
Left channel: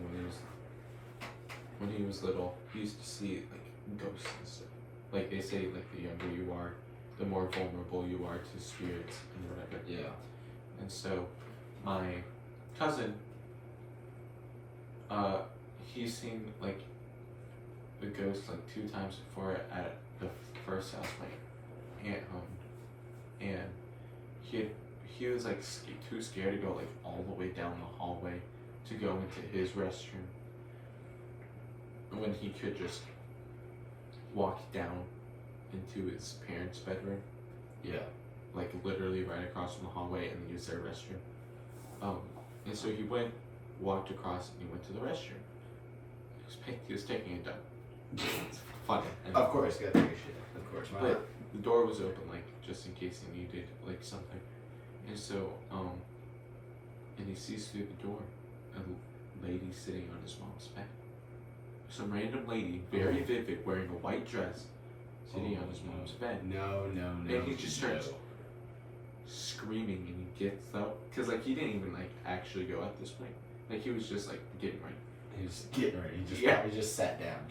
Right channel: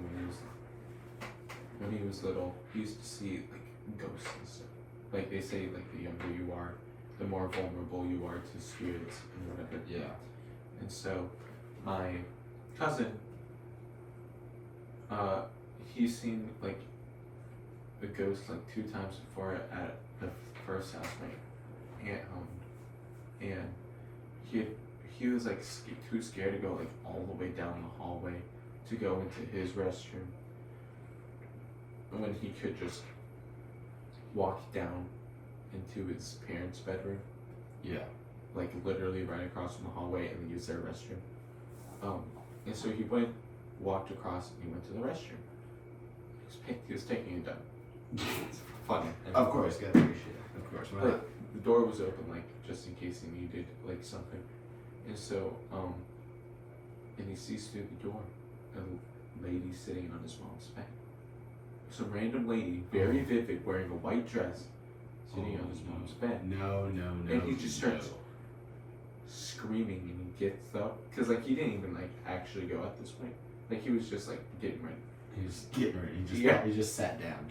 when he was little, he used to see like ghosts and stuff. Like they say, like the younger you are, the more vulnerable you are to spirits and whatever. Yeah. And so, my cousin, he's seen like the ghost like 2 times before at the first house my aunt and he was like too scared to go like all the way down the hallway to go into his restroom when he could just walk down into his parents' bedroom. Yeah. Like literally right across from the hallway and then use their restroom. And so he walked across and he went to the restroom. He was taking a dump. It's funny. Of course, gotta take a shit. Of course, why But not? the door was open, like just in case he needed like something. And so, and he sees through the door a lady sitting on his mom's bed. Some random lady, very vivid, wearing a white dress, sitting on his mom's bed. No. And he just starts screaming, and he gets up because like he didn't even like actually go at this point. Like he was just like getting ready. He was getting ready. He just sat down.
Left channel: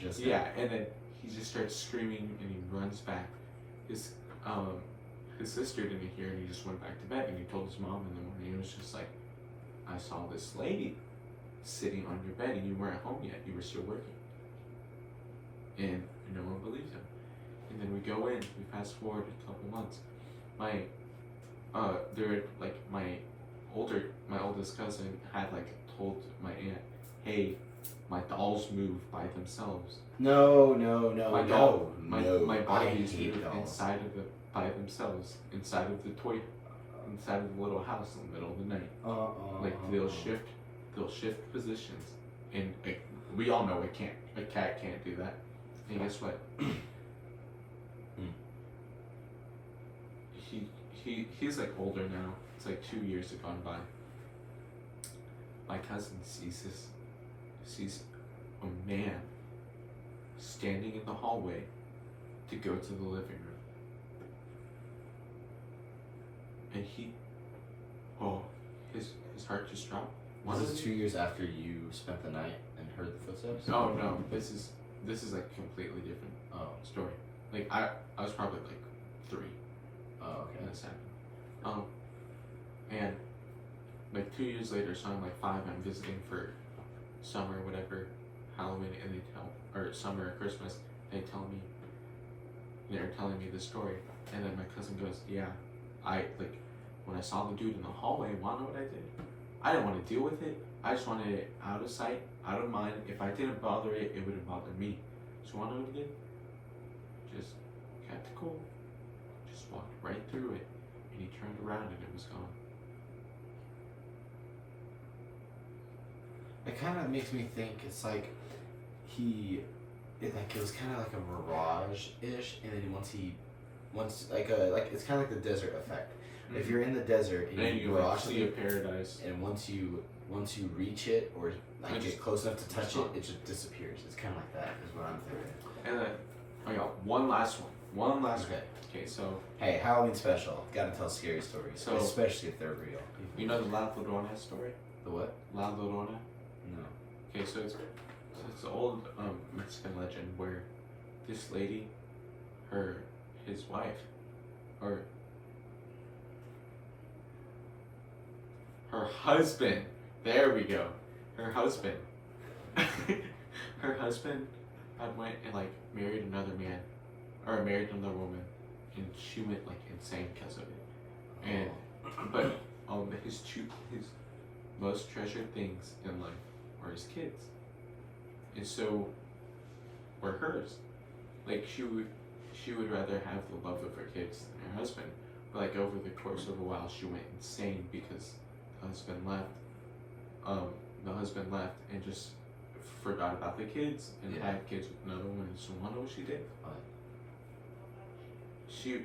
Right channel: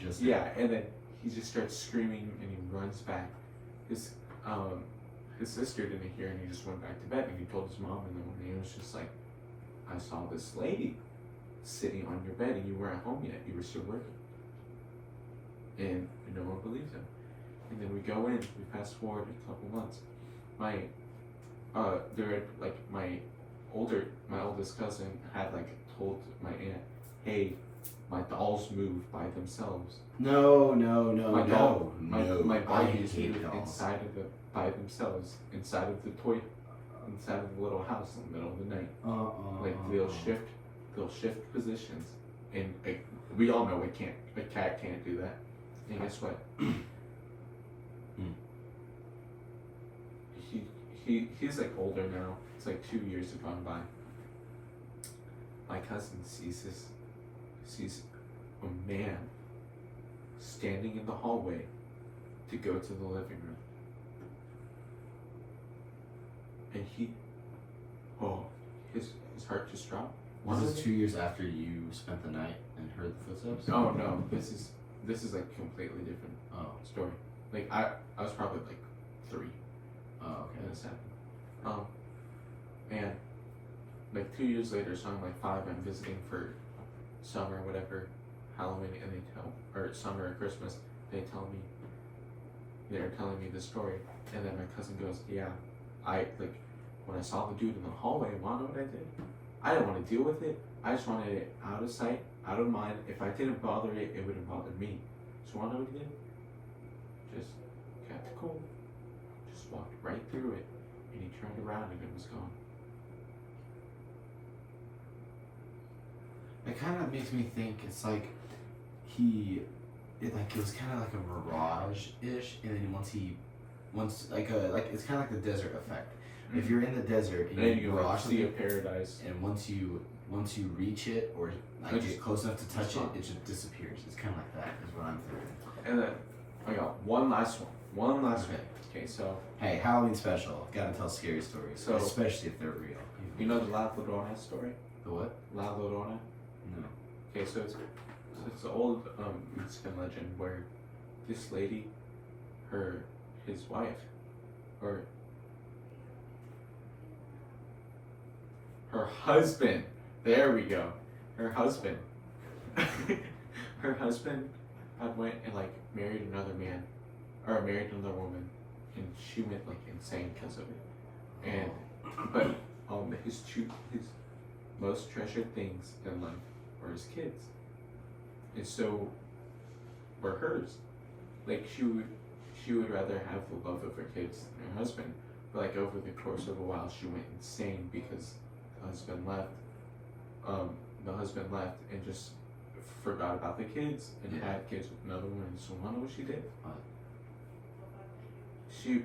And then he just starts screaming and he runs back. His sister didn't hear and he just went back to bed and he told his mom in the morning. He was just like, I saw this lady sitting on your bed and you weren't home yet. You were still working. And no one believed him. And then we go in. We fast forward a couple months. My oldest cousin had like told my aunt, hey, my dolls move by themselves. No. My I Barbies hate move dolls. by themselves inside of the little house in the middle of the night. Like they'll shift positions, and like we all know a cat can't do that. And guess what? He's like older now. It's like 2 years have gone by. My cousin sees a man standing in the hallway to go to the living room. And his heart just dropped. Was this 2 years after you spent the night and heard the footsteps? Oh no, this is like completely different story. Like I was probably like 3 Oh, okay. when this happened. And like 2 years later, so I'm like 5, I'm visiting for summer, whatever, Halloween and or summer or Christmas, they're telling me the story, and then my cousin goes, yeah, when I saw the dude in the hallway, wanna know what I did? I didn't want to deal with it. I just wanted it out of sight, out of mind. If I didn't bother it, it wouldn't bother me. So wanna know what he did? Just kept it cool. Just walked right through it, and he turned around and it was gone. It kind of makes me think it's like it was kind of like a mirage-ish, and then once it's kind of like the desert effect. Mm-hmm. If you're in the desert and you mirage see a paradise, and once you reach it or like get close enough to touch it, it just disappears. It's kind of like that is what I'm thinking. And then I got one last one. Okay, so hey, Halloween special. Gotta tell scary stories, so, especially if they're real. You know the La Llorona story? The what? La Llorona? No. Okay, so it's an old Mexican legend where this lady, his wife, or her husband. There we go. Her husband. Her husband had went and married another man, or married another woman, and she went insane because of it. And but his most treasured things in life were his kids, and so were hers. She would rather have the love of her kids than her husband. But over the course of a while, she went insane because the husband left. The husband left and just forgot about the kids and had kids with another woman. So you wanna know what she did? What? She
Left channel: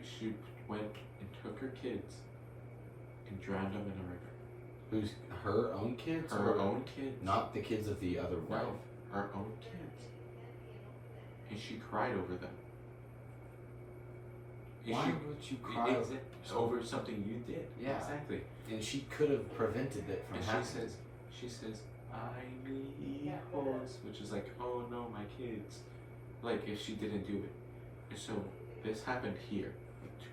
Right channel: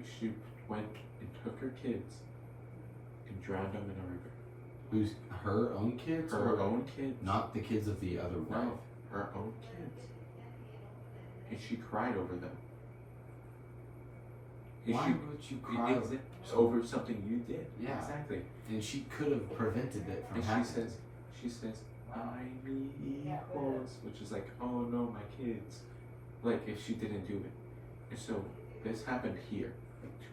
went and took her kids and drowned them in a river. Who's her own kids? Her own kids. Not the kids of the other wife. No, her own kids. And she cried over them. Why would you cry over something you did? Yeah, exactly. And she could have prevented it from happening. She says, "Ay, mi hijos," which is oh no, my kids. If she didn't do it. And so this happened here,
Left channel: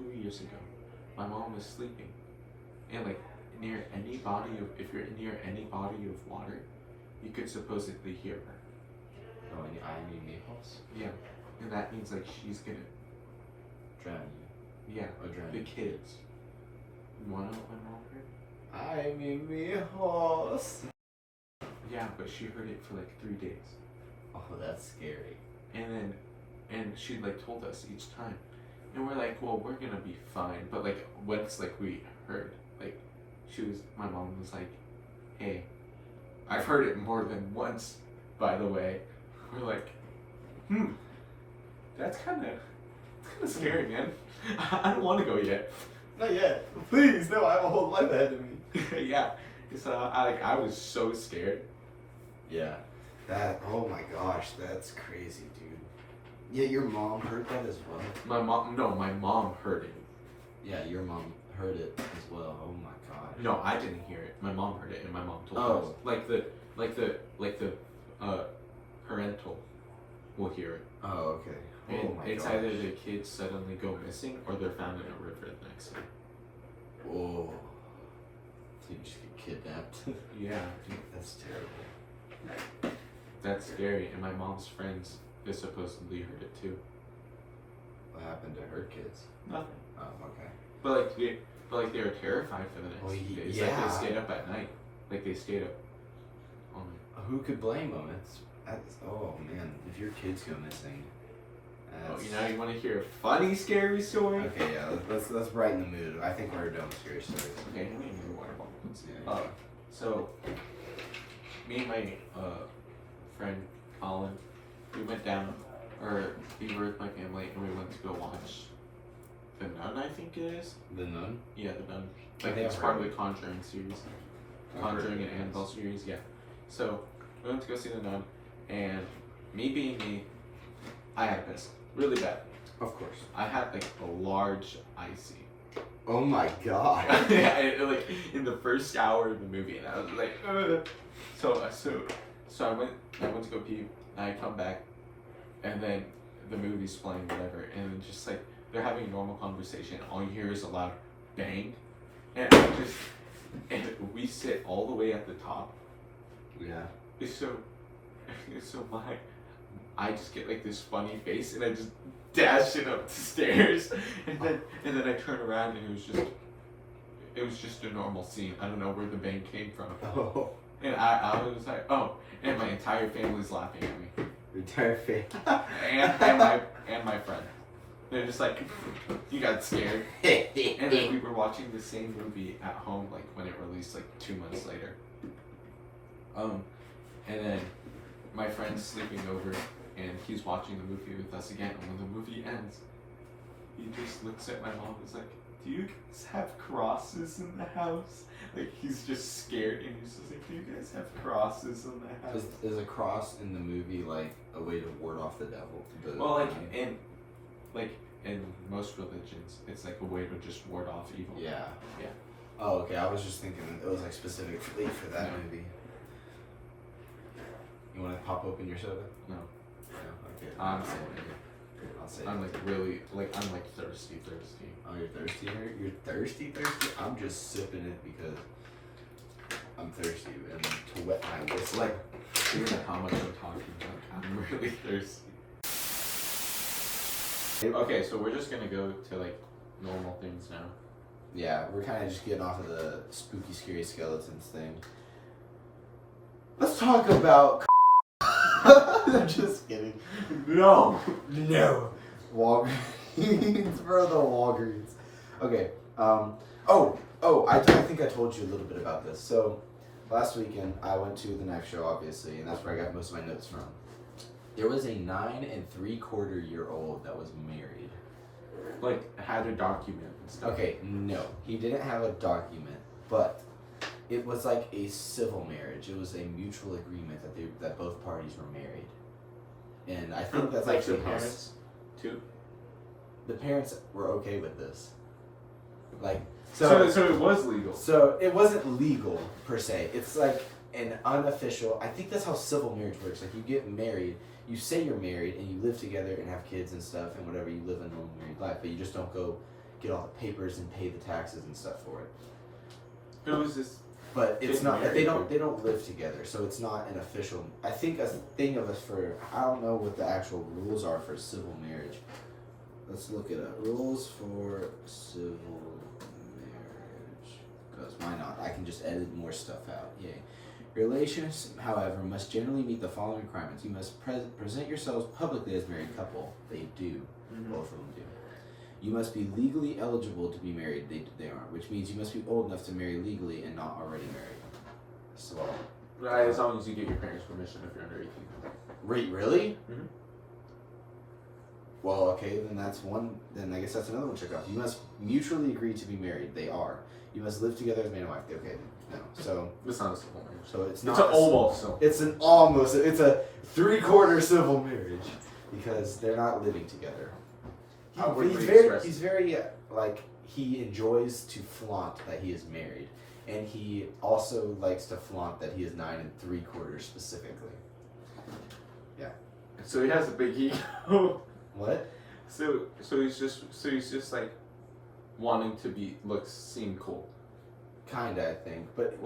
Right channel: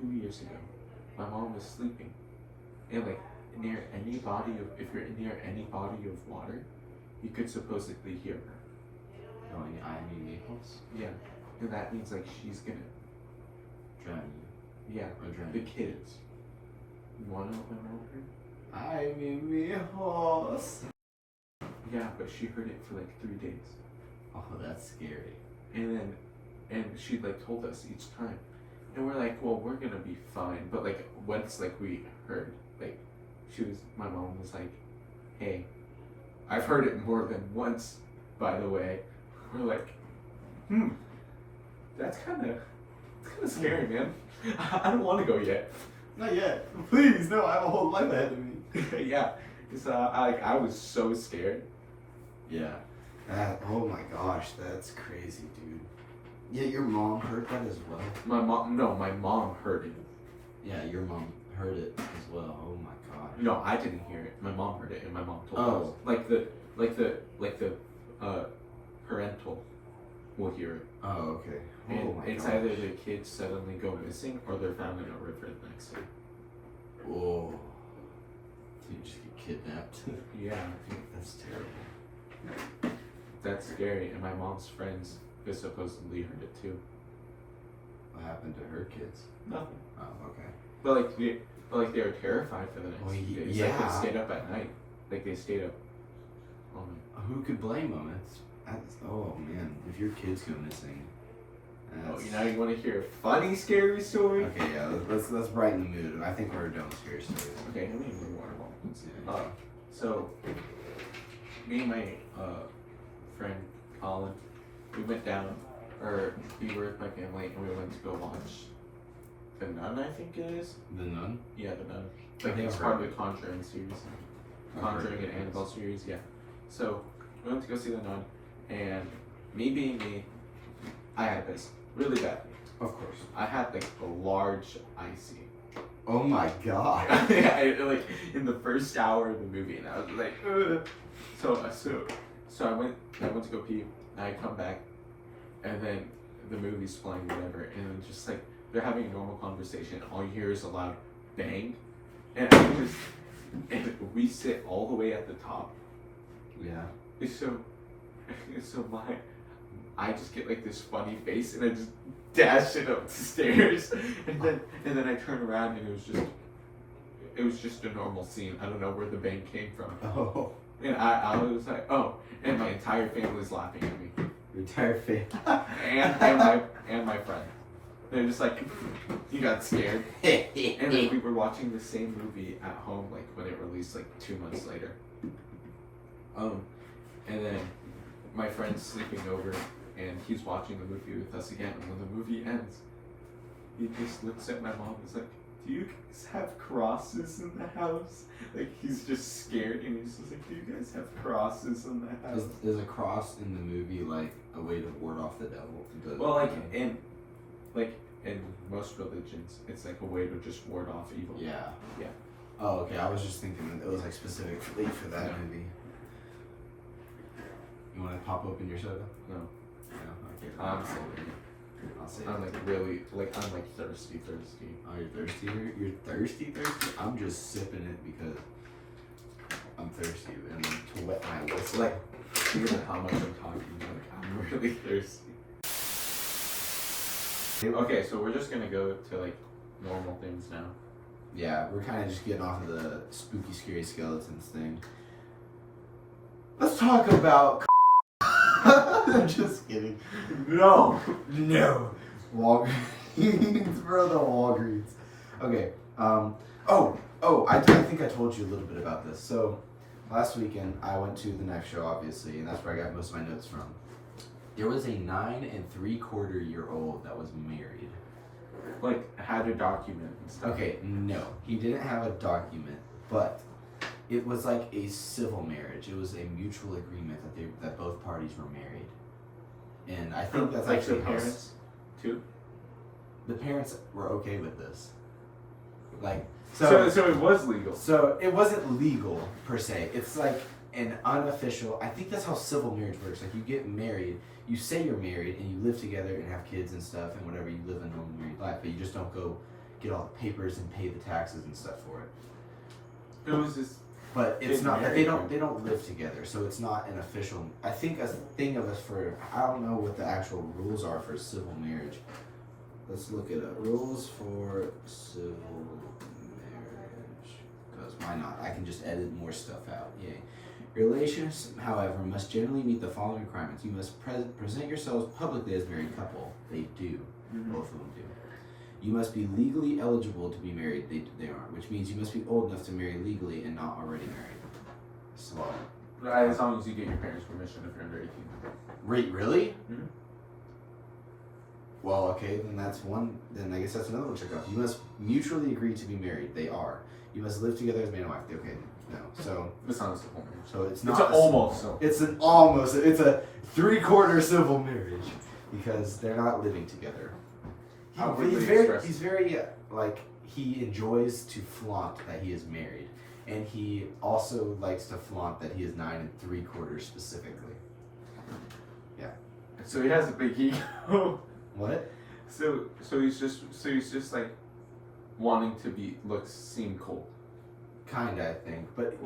2 years ago. My mom was sleeping, and near any body of, if you're near any body of water, you could supposedly hear her. Oh, ay, mi hijos? Yeah, and that means she's gonna drown you. Yeah, or drown the kids. You wanna know what my mom heard? Ay, mi hijos. Yeah, but she heard it for 3 days. Oh, that's scary. And she told us each time, and we're well, we're gonna be fine. But once we heard, my mom was hey, I've heard it more than once, by the way. We're that's kind of scary, man. I don't want to go yet. Not yet. Please, no. I have a whole life ahead of me. Yeah. So I was so scared. Yeah. Oh my gosh, that's crazy, dude. Yeah, your mom heard that as well? My mom heard it. Yeah, your mom heard it as well. Oh my gosh. No, I didn't hear it. My mom heard it, and my mom told us. The parental will hear it. Oh, okay. And it's either the kids suddenly go missing or they're found in a river the next day. Oh. So you just get kidnapped. Yeah. That's terrible. That's scary, and my mom's friends just supposedly heard it too. What happened to her kids? Nothing. Oh, okay. But they were terrified for the next few days. Yeah. They stayed up at night. They stayed up all night. Who could blame them? Oh man, if your kids go missing. You want to hear a funny scary story? Okay, yeah. Let's brighten the mood. I think we're done with scary stories. Okay, let me get a water bottle. Yeah. So me and my friend Colin, we went down, or we were with my family, and we went to go watch The Nun, I think it is. The Nun? Yeah, The Nun. It's part of the Conjuring series. Conjuring and Annabelle series, yeah. So we went to go see The Nun, and me being me, I had this really bad. Of course. I had a large icy. Oh my god. Yeah, in the first hour of the movie, and I was ugh. So I went to go pee, and I come back, and then the movie's playing, whatever, and just they're having a normal conversation. All you hear is a loud bang, and we sit all the way at the top. Yeah. So So I just get like this funny face, and I just dash it up the stairs, and then I turn around, and it was just a normal scene. I don't know where the bang came from. Oh. And I was like, oh, and my entire family's laughing at me. Your entire face. and my friend. They're just like, you got scared. And then we were watching the same movie at home, like when it released like 2 months later. And then my friend's sleeping over, and he's watching the movie with us again. And when the movie ends, he just looks at my mom and is like, do you guys have crosses in the house? Like, he's just scared, and he's just like, do you guys have crosses in the house? Is a cross in the movie like a way to ward off the devil? Well, in most religions, it's like a way to just ward off evil. Yeah. Yeah. Oh, okay. I was just thinking that it was like specifically for that movie. You want to pop open your soda? No. No. Okay. I'll say I'm like really, like, I'm like thirsty. Oh, you're thirsty? You're thirsty? I'm just sipping it because I'm thirsty and to wet my whistle. Like, even how much I'm talking, like, I'm really thirsty. Okay, so we're just gonna go to like normal things now. Yeah, we're kind of just getting off of the spooky, scary skeletons thing. Let's talk about. I'm just kidding. No. Walgreens, bro, the Walgreens. Okay. I think I told you a little bit about this. So, last weekend I went to the knife show, obviously, and that's where I got most of my notes from. There was a 9 3/4-year-old that was married. Like, had a document and stuff. Okay, no, he didn't have a document, but it was like a civil marriage. It was a mutual agreement that both parties were married, and I think that's like actually the parents too. The parents were okay with this. Like, so it was legal. So it wasn't legal per se. It's like an unofficial. I think that's how civil marriage works. Like, you get married, you say you're married, and you live together and have kids and stuff and whatever. You live a normal married life, but you just don't go get all the papers and pay the taxes and stuff for it. It was just. But it's not that they don't live together, so it's not an official. I think a thing of us for I don't know what the actual rules are for civil marriage. Let's look it up. Rules for civil marriage. Because why not? I can just edit more stuff out. Yay. Relations, however, must generally meet the following requirements. You must present yourselves publicly as a married couple. They do. Mm-hmm. Both of them do. You must be legally eligible to be married. They aren't, which means you must be old enough to marry legally and not already married. So, right, as long as you get your parents' permission if you're under 18. Wait, really? Mm-hmm. Well, okay, then that's one. Then I guess that's another one to check off. You must mutually agree to be married. They are. You must live together as man and wife. Okay, no. So it's not a civil marriage. So it's not. It's almost. It's an almost. It's a 3/4 civil marriage because they're not living together. He's very like, he enjoys to flaunt that he is married, and he also likes to flaunt that he is 9 3/4 specifically. Yeah. So he has a big ego. What? So he's just like wanting to seem cool. Kinda, I think, but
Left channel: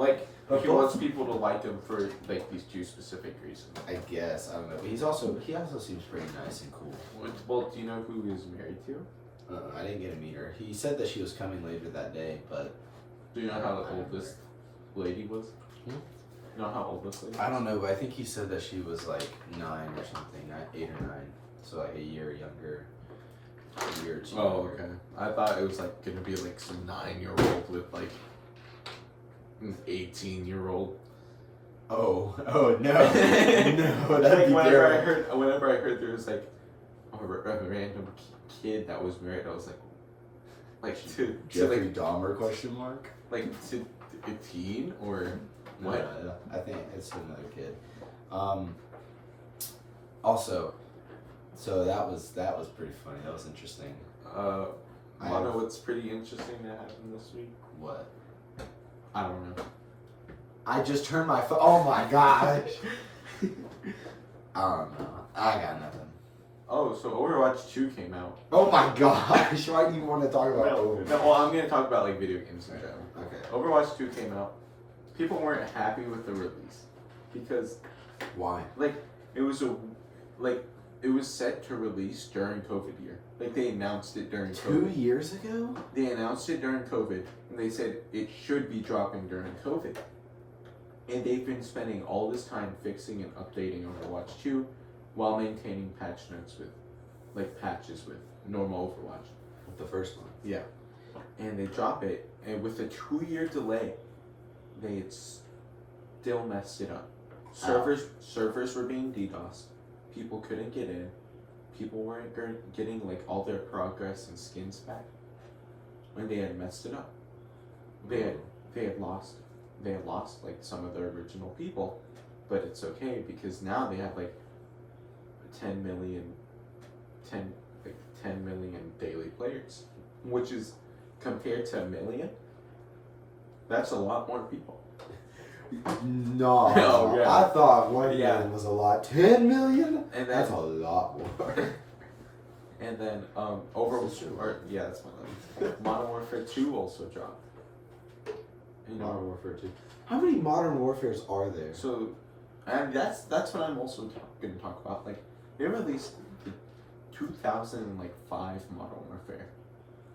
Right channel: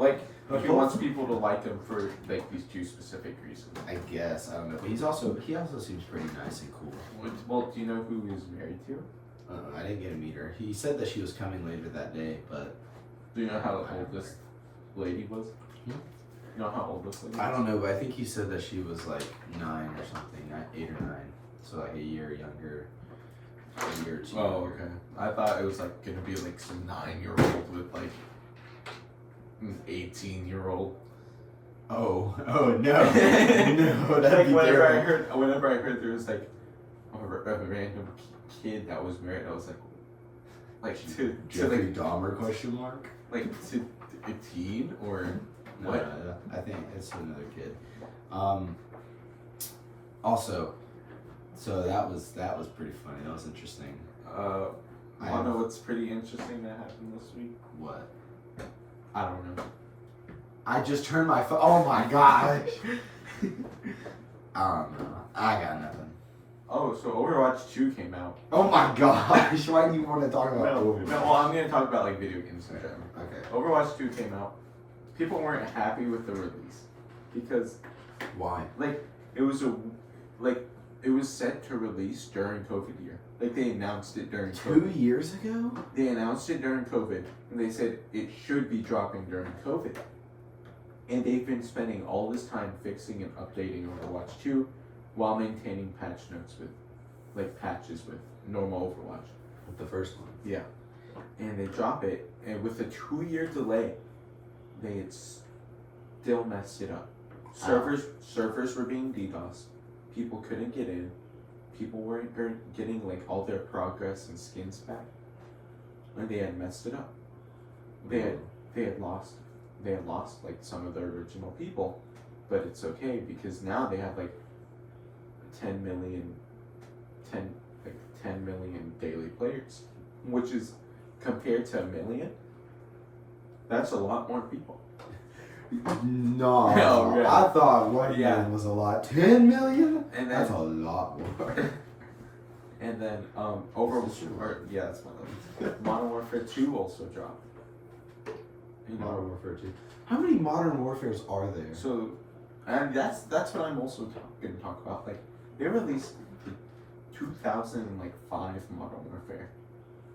he wants people to like him for like these two specific reasons. I guess, I don't know, but he also seems pretty nice and cool. Well, do you know who he was married to? I didn't get to meet her. He said that she was coming later that day, but do you know how old this lady was? Hmm? You know how old this lady was? I don't know, but I think he said that she was like 9 or something, 8 or 9, so like a year younger, a year or two. Oh, okay. I thought it was like gonna be like some 9-year-old with like an 18-year-old. Oh no, no, that'd like be whenever terrible. I heard there was like a random kid that was married, I was like to Jeffrey like Dahmer question mark? Like to a teen or what? No, I think it's another kid. Also, so that was pretty funny. That was interesting. I know what's pretty interesting that happened this week. What? I don't know. I just turned my phone. Oh my gosh. I don't know. I got nothing. Oh, so Overwatch 2 came out. Oh my gosh. Why do you want to talk about Overwatch? No, well, I'm going to talk about like video games in general. Okay. Overwatch 2 came out. People weren't happy with the release because Why? Like, it was set to release during COVID year. Like, they announced it during COVID. 2 years ago? They announced it during COVID, and they said it should be dropping during COVID. And they've been spending all this time fixing and updating Overwatch 2 while maintaining patches with normal Overwatch. With the first one. Yeah. And they drop it, and with a 2-year delay, they had still messed it up. Servers were being DDoSed. People couldn't get in. People weren't getting like all their progress and skins back. And they had messed it up. They had lost like some of their original people, but it's okay because now they have like 10 million daily players, which is compared to 1 million. That's a lot more people. No, Oh, yeah. I thought 1 million was a lot. 10 million? And That's then a lot more. and then that's my limit. Modern Warfare 2 also dropped. You know, Modern Warfare 2. How many Modern Warfares are there? so, and that's what I'm also going to talk about. Like, they released the 2005 Modern Warfare,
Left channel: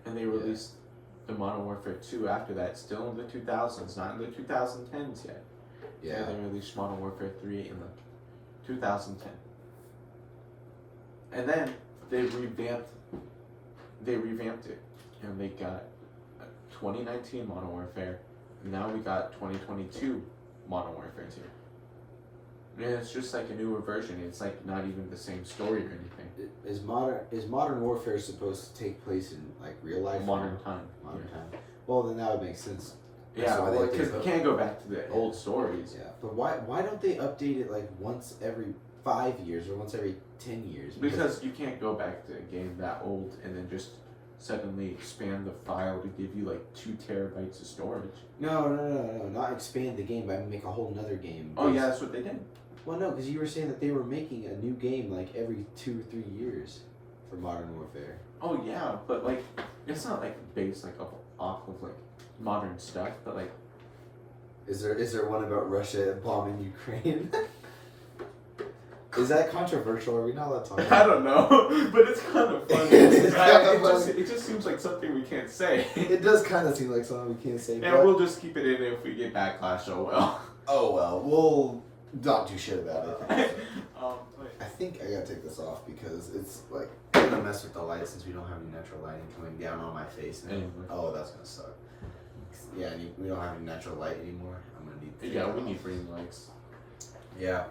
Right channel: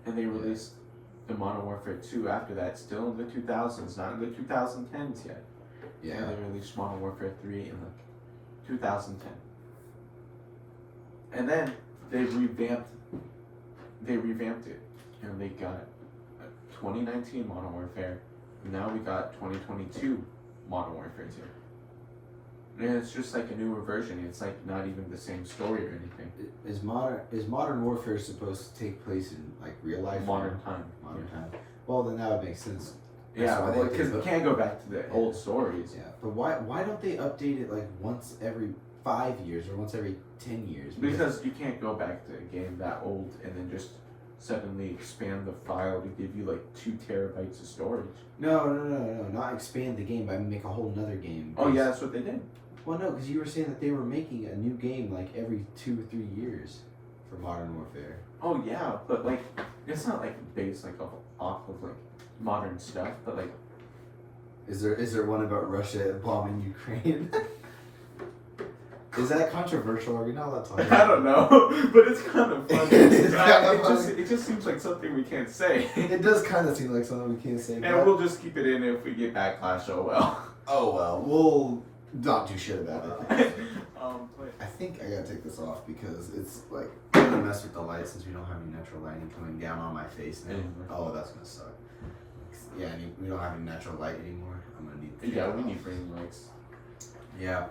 and they released the Modern Warfare 2 after that, still in the 2000s, not in the 2010s yet. Yeah. And they released Modern Warfare 3 in like 2010. And then they revamped it, and they got 2019 Modern Warfare. And now we got 2022 Modern Warfare 2. And it's just like a newer version. It's like not even the same story or anything. Is Modern Warfare supposed to take place in like real life? Modern time. Modern time. Well, then that would make sense. Yeah, why they well, because update you can't go back to the old stories. Yeah, but why don't they update it like once every 5 years or once every 10 years? Because you can't go back to a game that old and then just suddenly expand the file to give you like 2 terabytes of storage. No, not expand the game, but make a whole nother game. Oh yeah, that's what they did. Well, no, because you were saying that they were making a new game like every 2-3 years for Modern Warfare. Oh yeah, but like it's not like based like off of like modern stuff, but like is there one about Russia bombing Ukraine? Is that controversial? Are we not allowed to talk about I don't know, but it's kind of funny. It just seems like something we can't say. It does kind of seem like something we can't say. And we'll just keep it in if we get backlash. Oh well. Oh well, we'll not do shit about it. But I think I gotta take this off because it's like I'm gonna mess with the light since we don't have any natural lighting coming down on my face now. Oh, that's gonna suck. Yeah, we don't have any natural light anymore. I'm gonna need. we need green lights. Yeah.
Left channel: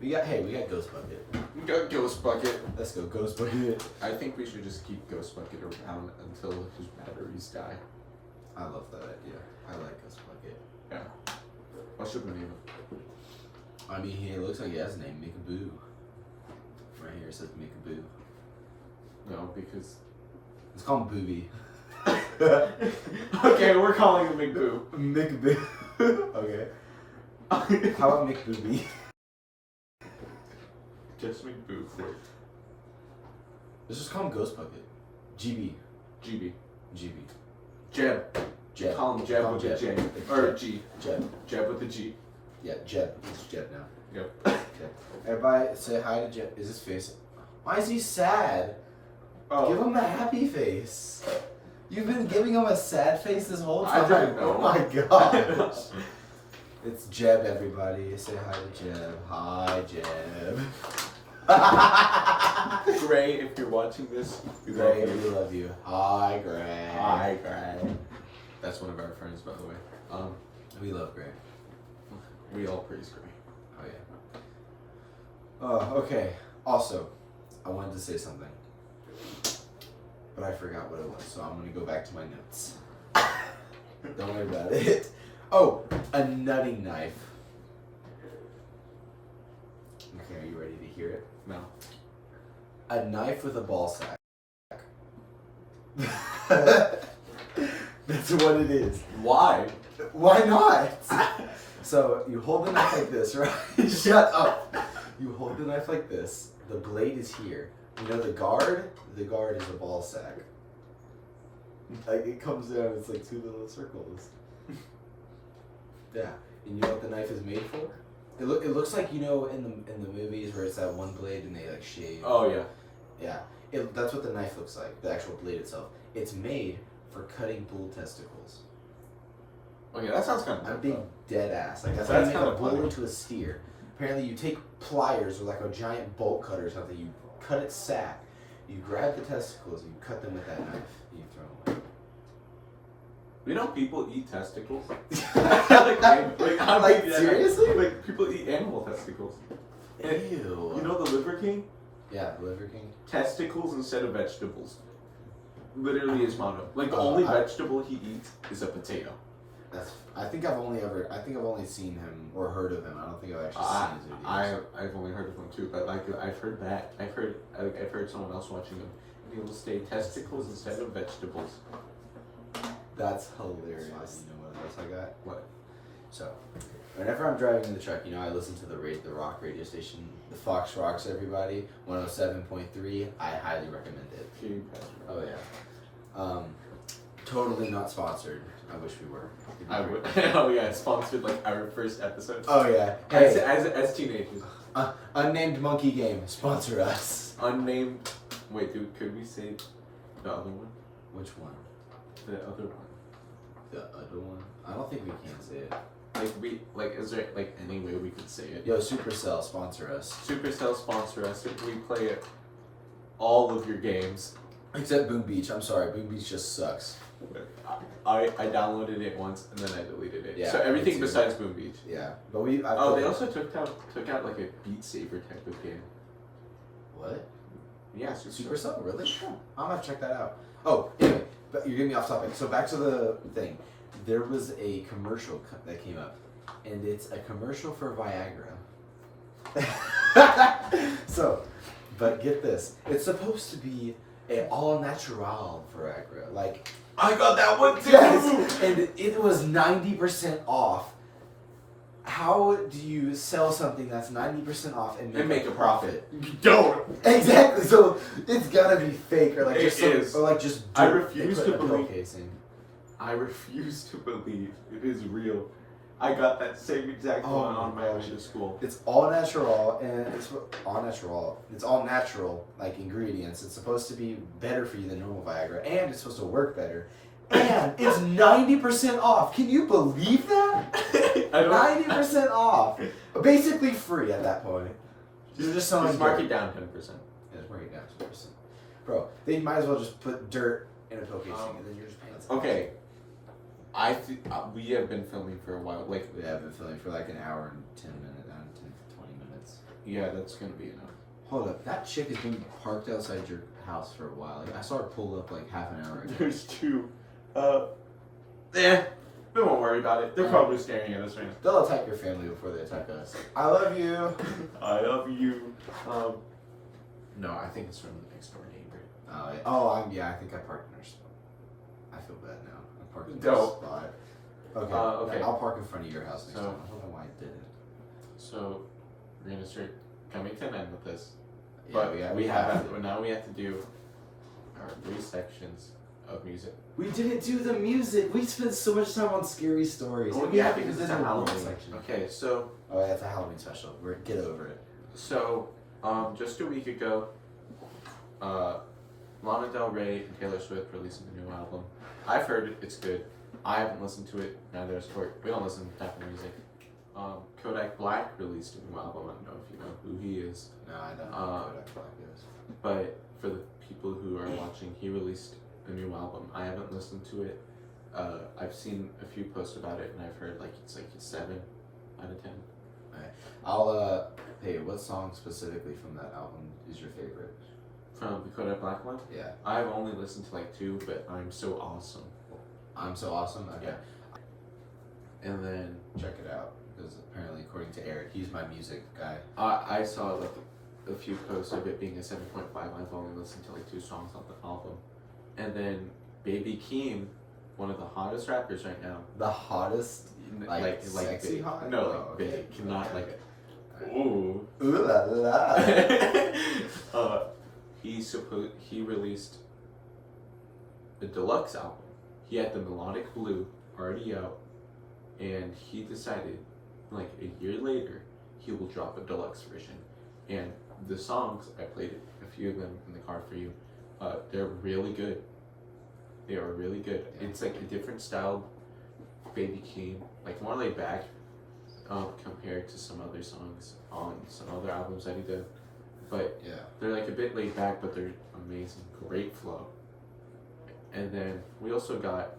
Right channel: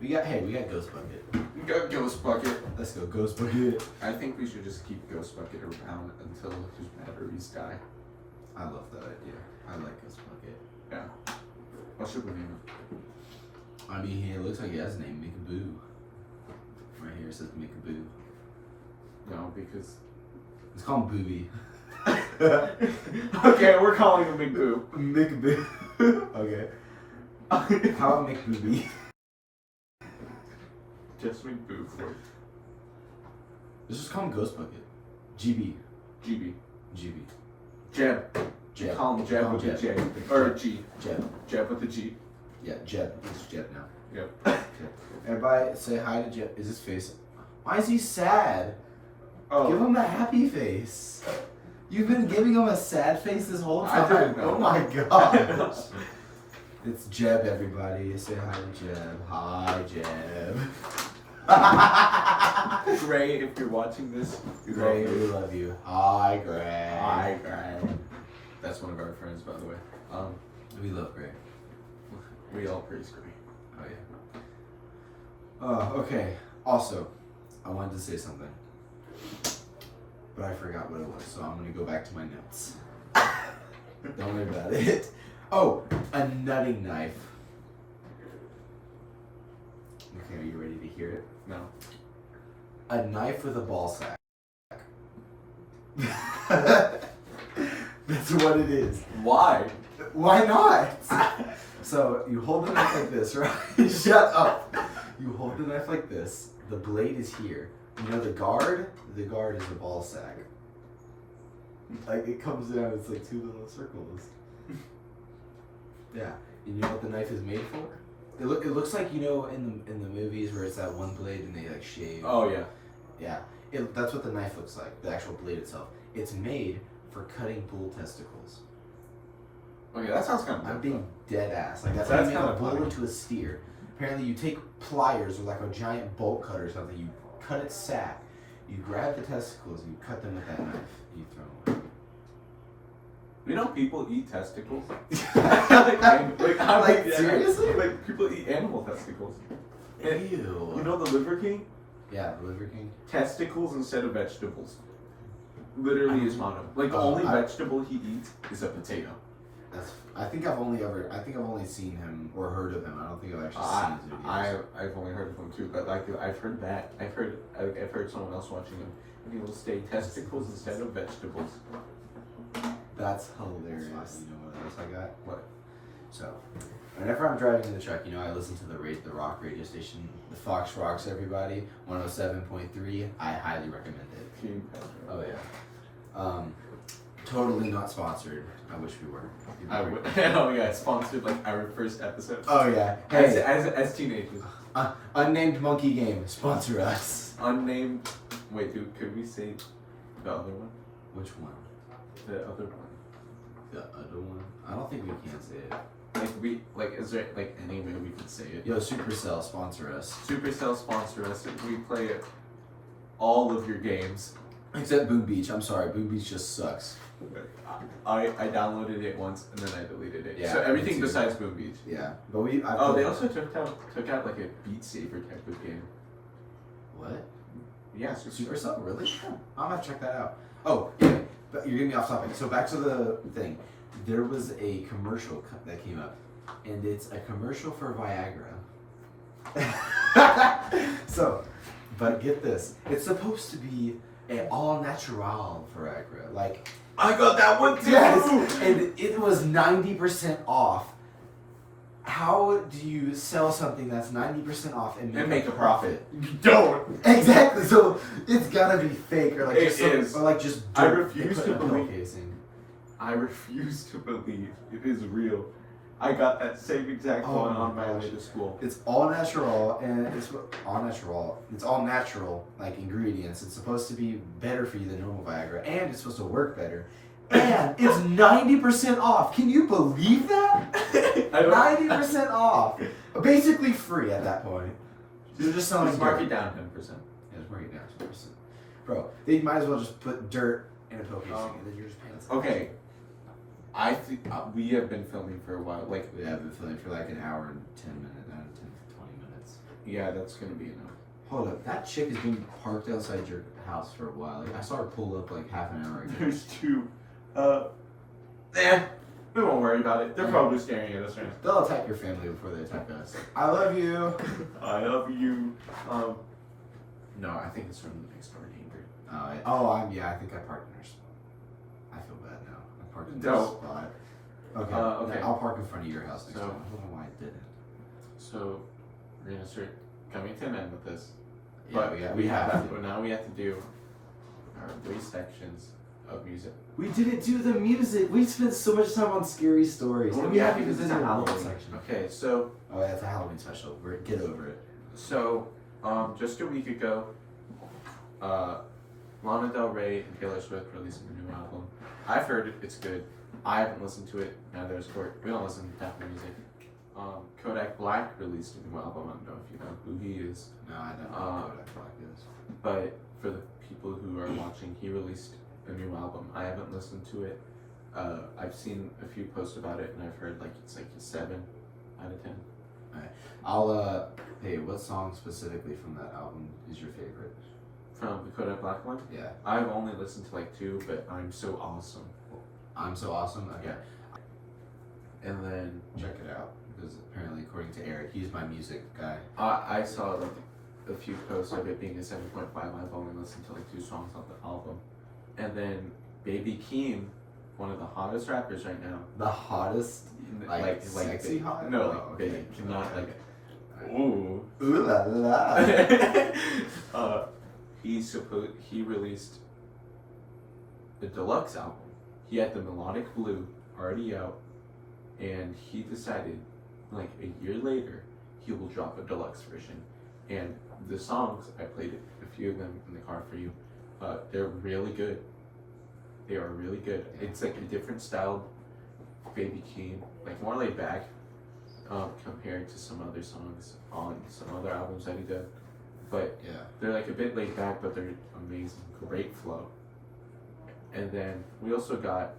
We got Ghost Bucket. We got Ghost Bucket. Let's go, Ghost Bucket. I think we should just keep Ghost Bucket around until his batteries die. I love that idea. I like Ghost Bucket. Yeah. What should we name it? I mean, it looks like he has a name, Mickaboo. Right here it says Mickaboo. No, because Let's call him Booby. okay, we're calling him Big Boo. Mickaboo. Okay. How about McBooby? Just Big Boo for it. Let's just call him Ghost Bucket. GB. GB. GB. Jeb. Jeb. Call him Jeb with a J. Or a G. Jeb. Jeb with a G. Yeah, Jeb. It's Jeb now. Yep. Jeb. Everybody say hi to Jeb. Is his face? Why is he sad? Oh. Give him a happy face. You've been giving him a sad face this whole I time. didn't know. Oh my gosh. It's Jeb, everybody. Say hi to Jeb. Hi, Jeb. Gray, if you're watching this, we Gray, love we you. love you. Hi, Gray. Hi, Gray. That's one of our friends, by the way. We love Gray. We all praise Gray. Oh yeah. Okay. Also, I wanted to say something, but I forgot what it was, so I'm gonna go back to my notes. Don't worry about it. Oh, a nutting knife. Okay, are you ready to hear it? No. A knife with a ball sack. That's what it is. Why? Why not? So you hold the knife like this, right? Shut up. You hold the knife like this. The blade is here. You know the guard? The guard is the ball sack. Like it comes down, it's like 2 little circles. Yeah. And you know what the knife is made for? It looks like, in the movies where it's that one blade and they like shave. Oh yeah. Yeah. That's what the knife looks like. The actual blade itself. It's made for cutting bull testicles. Okay, that sounds kind of. I'm being dead ass. Like that's how you make a bull into a steer. Apparently, you take pliers or like a giant bolt cutter or something. You cut its sack. You grab the testicles and you cut them with that knife. And you throw them away. You know, people eat testicles. Like, seriously? Like people eat animal testicles. Ew. You know the Liver King? Yeah, the Liver King. Testicles instead of vegetables. Literally his motto. Like the only vegetable he eats is a potato. I think I've only seen him or heard of him. I don't think I've actually seen his videos. I've only heard of him too, but like I've heard that. I've heard someone else watching him, and he will say testicles instead of vegetables. That's hilarious. You know what else I got? What? So, whenever I'm driving in the truck, I listen to the rock radio station, the Fox Rocks. Everybody, 107.3. I highly recommend it. Oh yeah. Totally not sponsored. I wish we were. I would. Oh yeah, sponsored like our first episode. Oh yeah. Hey, as teenagers. Unnamed Monkey Game, sponsor us. Unnamed. Wait, could we say the other one? Which one? The other one. The other one? I don't think we can say it. Is there like any way we could say it? Yo, Supercell, sponsor us. Supercell sponsor us. We play all of your games. Except Boom Beach. I'm sorry, Boom Beach just sucks. I downloaded it once and then I deleted it. Yeah, so everything besides Boom Beach. Yeah, but they also took out like a Beat Saber type of game. What? Yeah, Supercell? Really? I'm gonna check that out. Oh, anyway, but you're getting me off topic. So back to the thing. There was a commercial that came up, and it's a commercial for Viagra. So, but get this. It's supposed to be an all-natural Viagra. Like, I got that one too! Yes! And it was 90% off. How do you sell something that's 90% off and make a profit? You don't. Exactly. So it's gotta be fake or like it just is. Or like just. I refuse to believe. Casing. I refuse to believe it is real. I got that same exact one on my way to school. It's all natural and it's all natural. It's all natural like ingredients. It's supposed to be better for you than normal Viagra, and it's supposed to work better. And it's 90% off. Can you believe that? 90% off. Basically free at that point. You're just selling. Just mark it down 10%. Yeah, just mark it down 10%. Bro, they might as well just put dirt in a pill casing and then you're just paying. Okay. I think we have been filming for a while. Like we have been filming for like an hour and 10 minutes, 20 minutes. Yeah, that's gonna be enough. Hold up, that chick has been parked outside your house for a while. Like, I saw her pull up like half an hour ago. There's two. We won't worry about it. They're probably staring at us right now. They'll attack your family before they attack us. I love you. I love you. No, I think it's from the next door neighbor. I think I parked in her spot. I feel bad now. I parked in her spot. Okay. Okay. I'll park in front of your house next time. I don't know why I didn't. So we're gonna start coming to an end with this. Yeah, but we have to. Now we have to do our 3 sections of music. We didn't do the music. We spent so much time on scary stories. Oh, yeah, because it's a Halloween section. Okay, so. Oh, yeah, it's a Halloween special. Get over it. So, just a week ago, Lana Del Rey and Taylor Swift released a new album. I've heard it. It's good. I haven't listened to it. Neither has Court. We don't listen to that music. Kodak Black released a new album. I don't know if you know who he is. No, I don't know who Kodak Black is. But for the people who are watching, he released a new album. I haven't listened to it. I've seen a few posts about it, and I've heard it's like a 7 out of 10. I'll hey, what song specifically from that album is your favorite? From the Kodak Black one? Yeah. I've only listened to 2, but I'm So Awesome. I'm So Awesome? Okay. Yeah. And then check it out, because apparently according to Eric, he's my music guy. I saw a few posts of it being a 7.5. I've only listened to 2 songs on the album. And then Baby Keem, one of the hottest rappers right now. The hottest? Like sexy big. hot? No, oh, big. Okay. Not okay. Ooh. Ooh la la. He released a deluxe album. He had the Melodic Blue already out, and he decided, a year later, he will drop a deluxe version. And the songs, I played a few of them in the car for you. They're really good. They are really good. It's like a different style Baby Keem, like more laid back compared to some other songs on some other albums that he did. But Yeah. they're like a bit laid back, but they're amazing. Great flow. And then we also got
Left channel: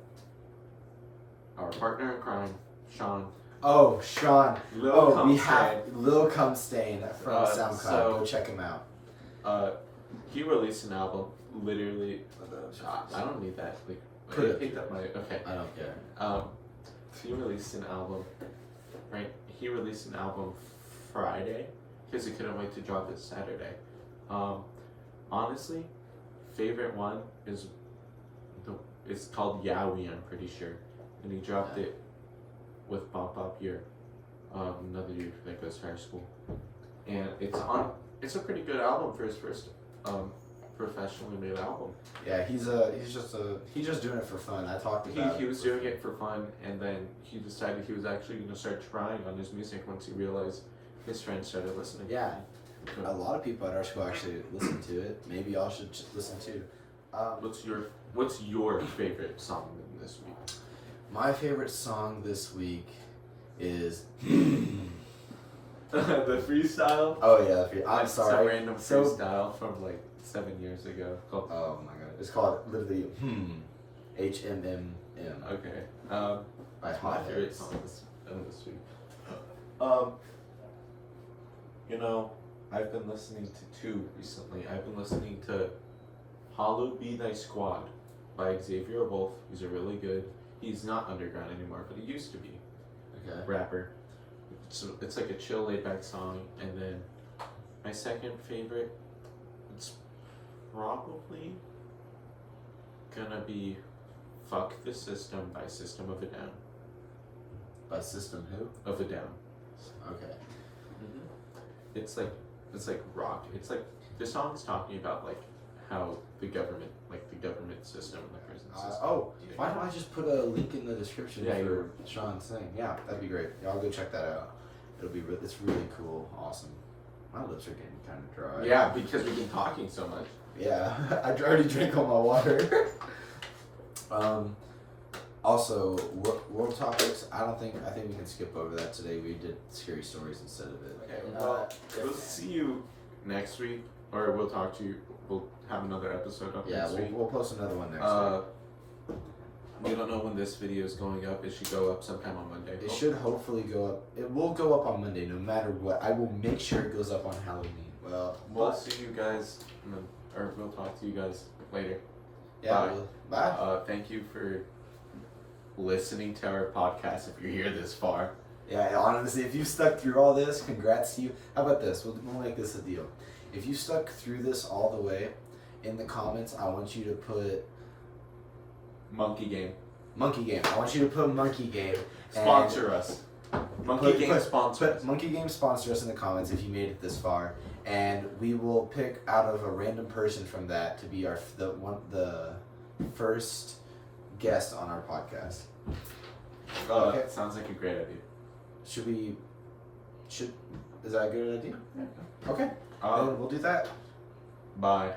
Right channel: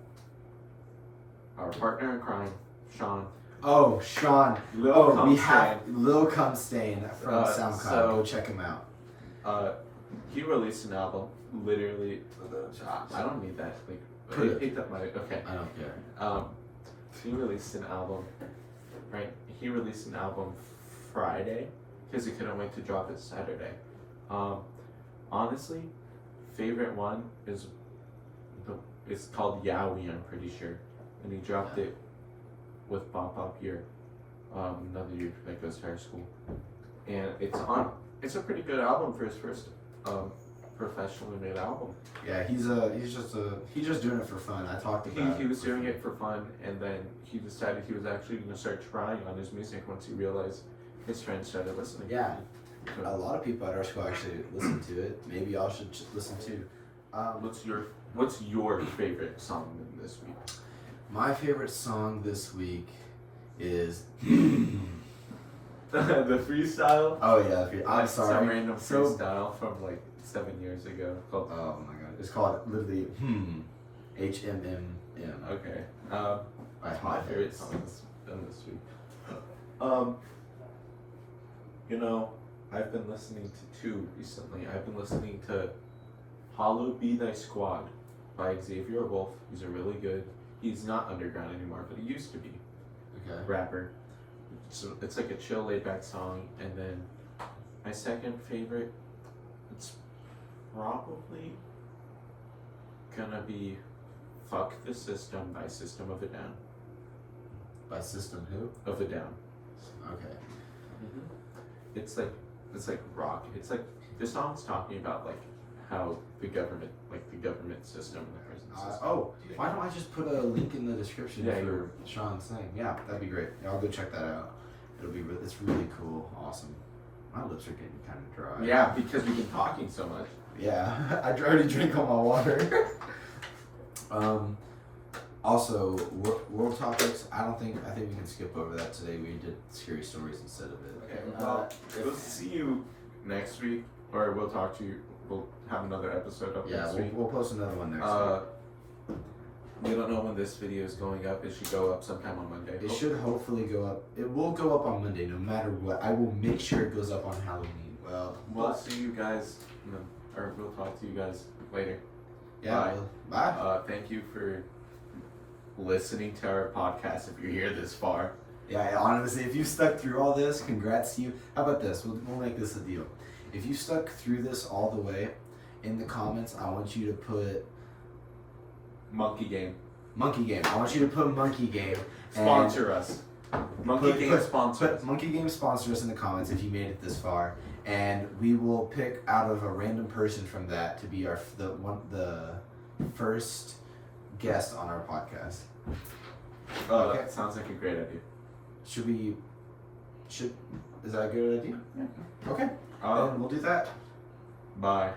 our partner in crime, Sean. Oh, Sean. Lil We Cumstain. have Lil Cumstain from SoundCloud. so- Go check him out. He released an album. Literally, I don't need that. Like, Put it. picked up my okay. I don't care. He released an album. Right. He released an album Friday because he couldn't wait to drop it Saturday. Honestly, favorite one is it's called Yowie, I'm pretty sure, and he dropped it with Bump Up Year, another year that goes to high school, and it's a pretty good album for his first professionally made album. Yeah, he's just doing it for fun. I talked about He was doing it for fun, and then he decided he was actually going to start trying on his music once he realized his friends started listening. Yeah. So, A lot of people at our school actually listen to it. Maybe y'all should listen too. what's your favorite song this week? My favorite song this week is. The freestyle. Oh yeah, I'm Like sorry. Some random So- freestyle from like 7 years ago. Called, Oh my god, it's called literally HMMM. okay. By That's my Hot favorite Hits. song this week. You know, I've been listening to two recently. I've been listening to Hollow Be Thy Squad by Xavier Wolf. He's a really good. He's not underground anymore, but he used to be Okay. rapper. So it's like a chill, laid back song. And then my second favorite, it's probably gonna be "Fuck the System" by System of a Down. By System Who? Of a Down. Okay. It's like rock. It's like the song's talking about like how the government system and the prison system. Why don't I just put a link in the description Yeah, for Sean's thing? Yeah, that'd be great. Y'all go check that out. It's really cool, awesome. My lips are getting kind of dry. Yeah, because we've been talking so much. Yeah, I already drank all my water. Also, world topics. I think we can skip over that today. We did scary stories instead of it. Okay, well, we'll see you next week, or we'll talk to you. We'll have another episode up Yeah, next week. we'll post another one next week. We don't know when this video is going up. It should go up sometime on Monday. It should hopefully go up. It will go up on Monday, no matter what. I will make sure it goes up on Halloween. Well, we'll see you guys, or we'll talk to you guys later. Yeah. Bye. Bye. Thank you for listening to our podcast. If you're here this far, Yeah, honestly, if you stuck through all this, congrats to you. How about this? We'll make this a deal. If you stuck through this all the way, in the comments, I want you to put Monkey Game. Monkey Game. I want you to put Monkey Game. and Sponsor us. Monkey Game sponsor us. Put Monkey Game sponsor us in the comments if you made it this far, and we will pick out of a random person from that to be the first guest on our podcast. Okay. Sounds like a great idea. Is that a good idea? Yeah. Okay. Then we'll do that. Bye.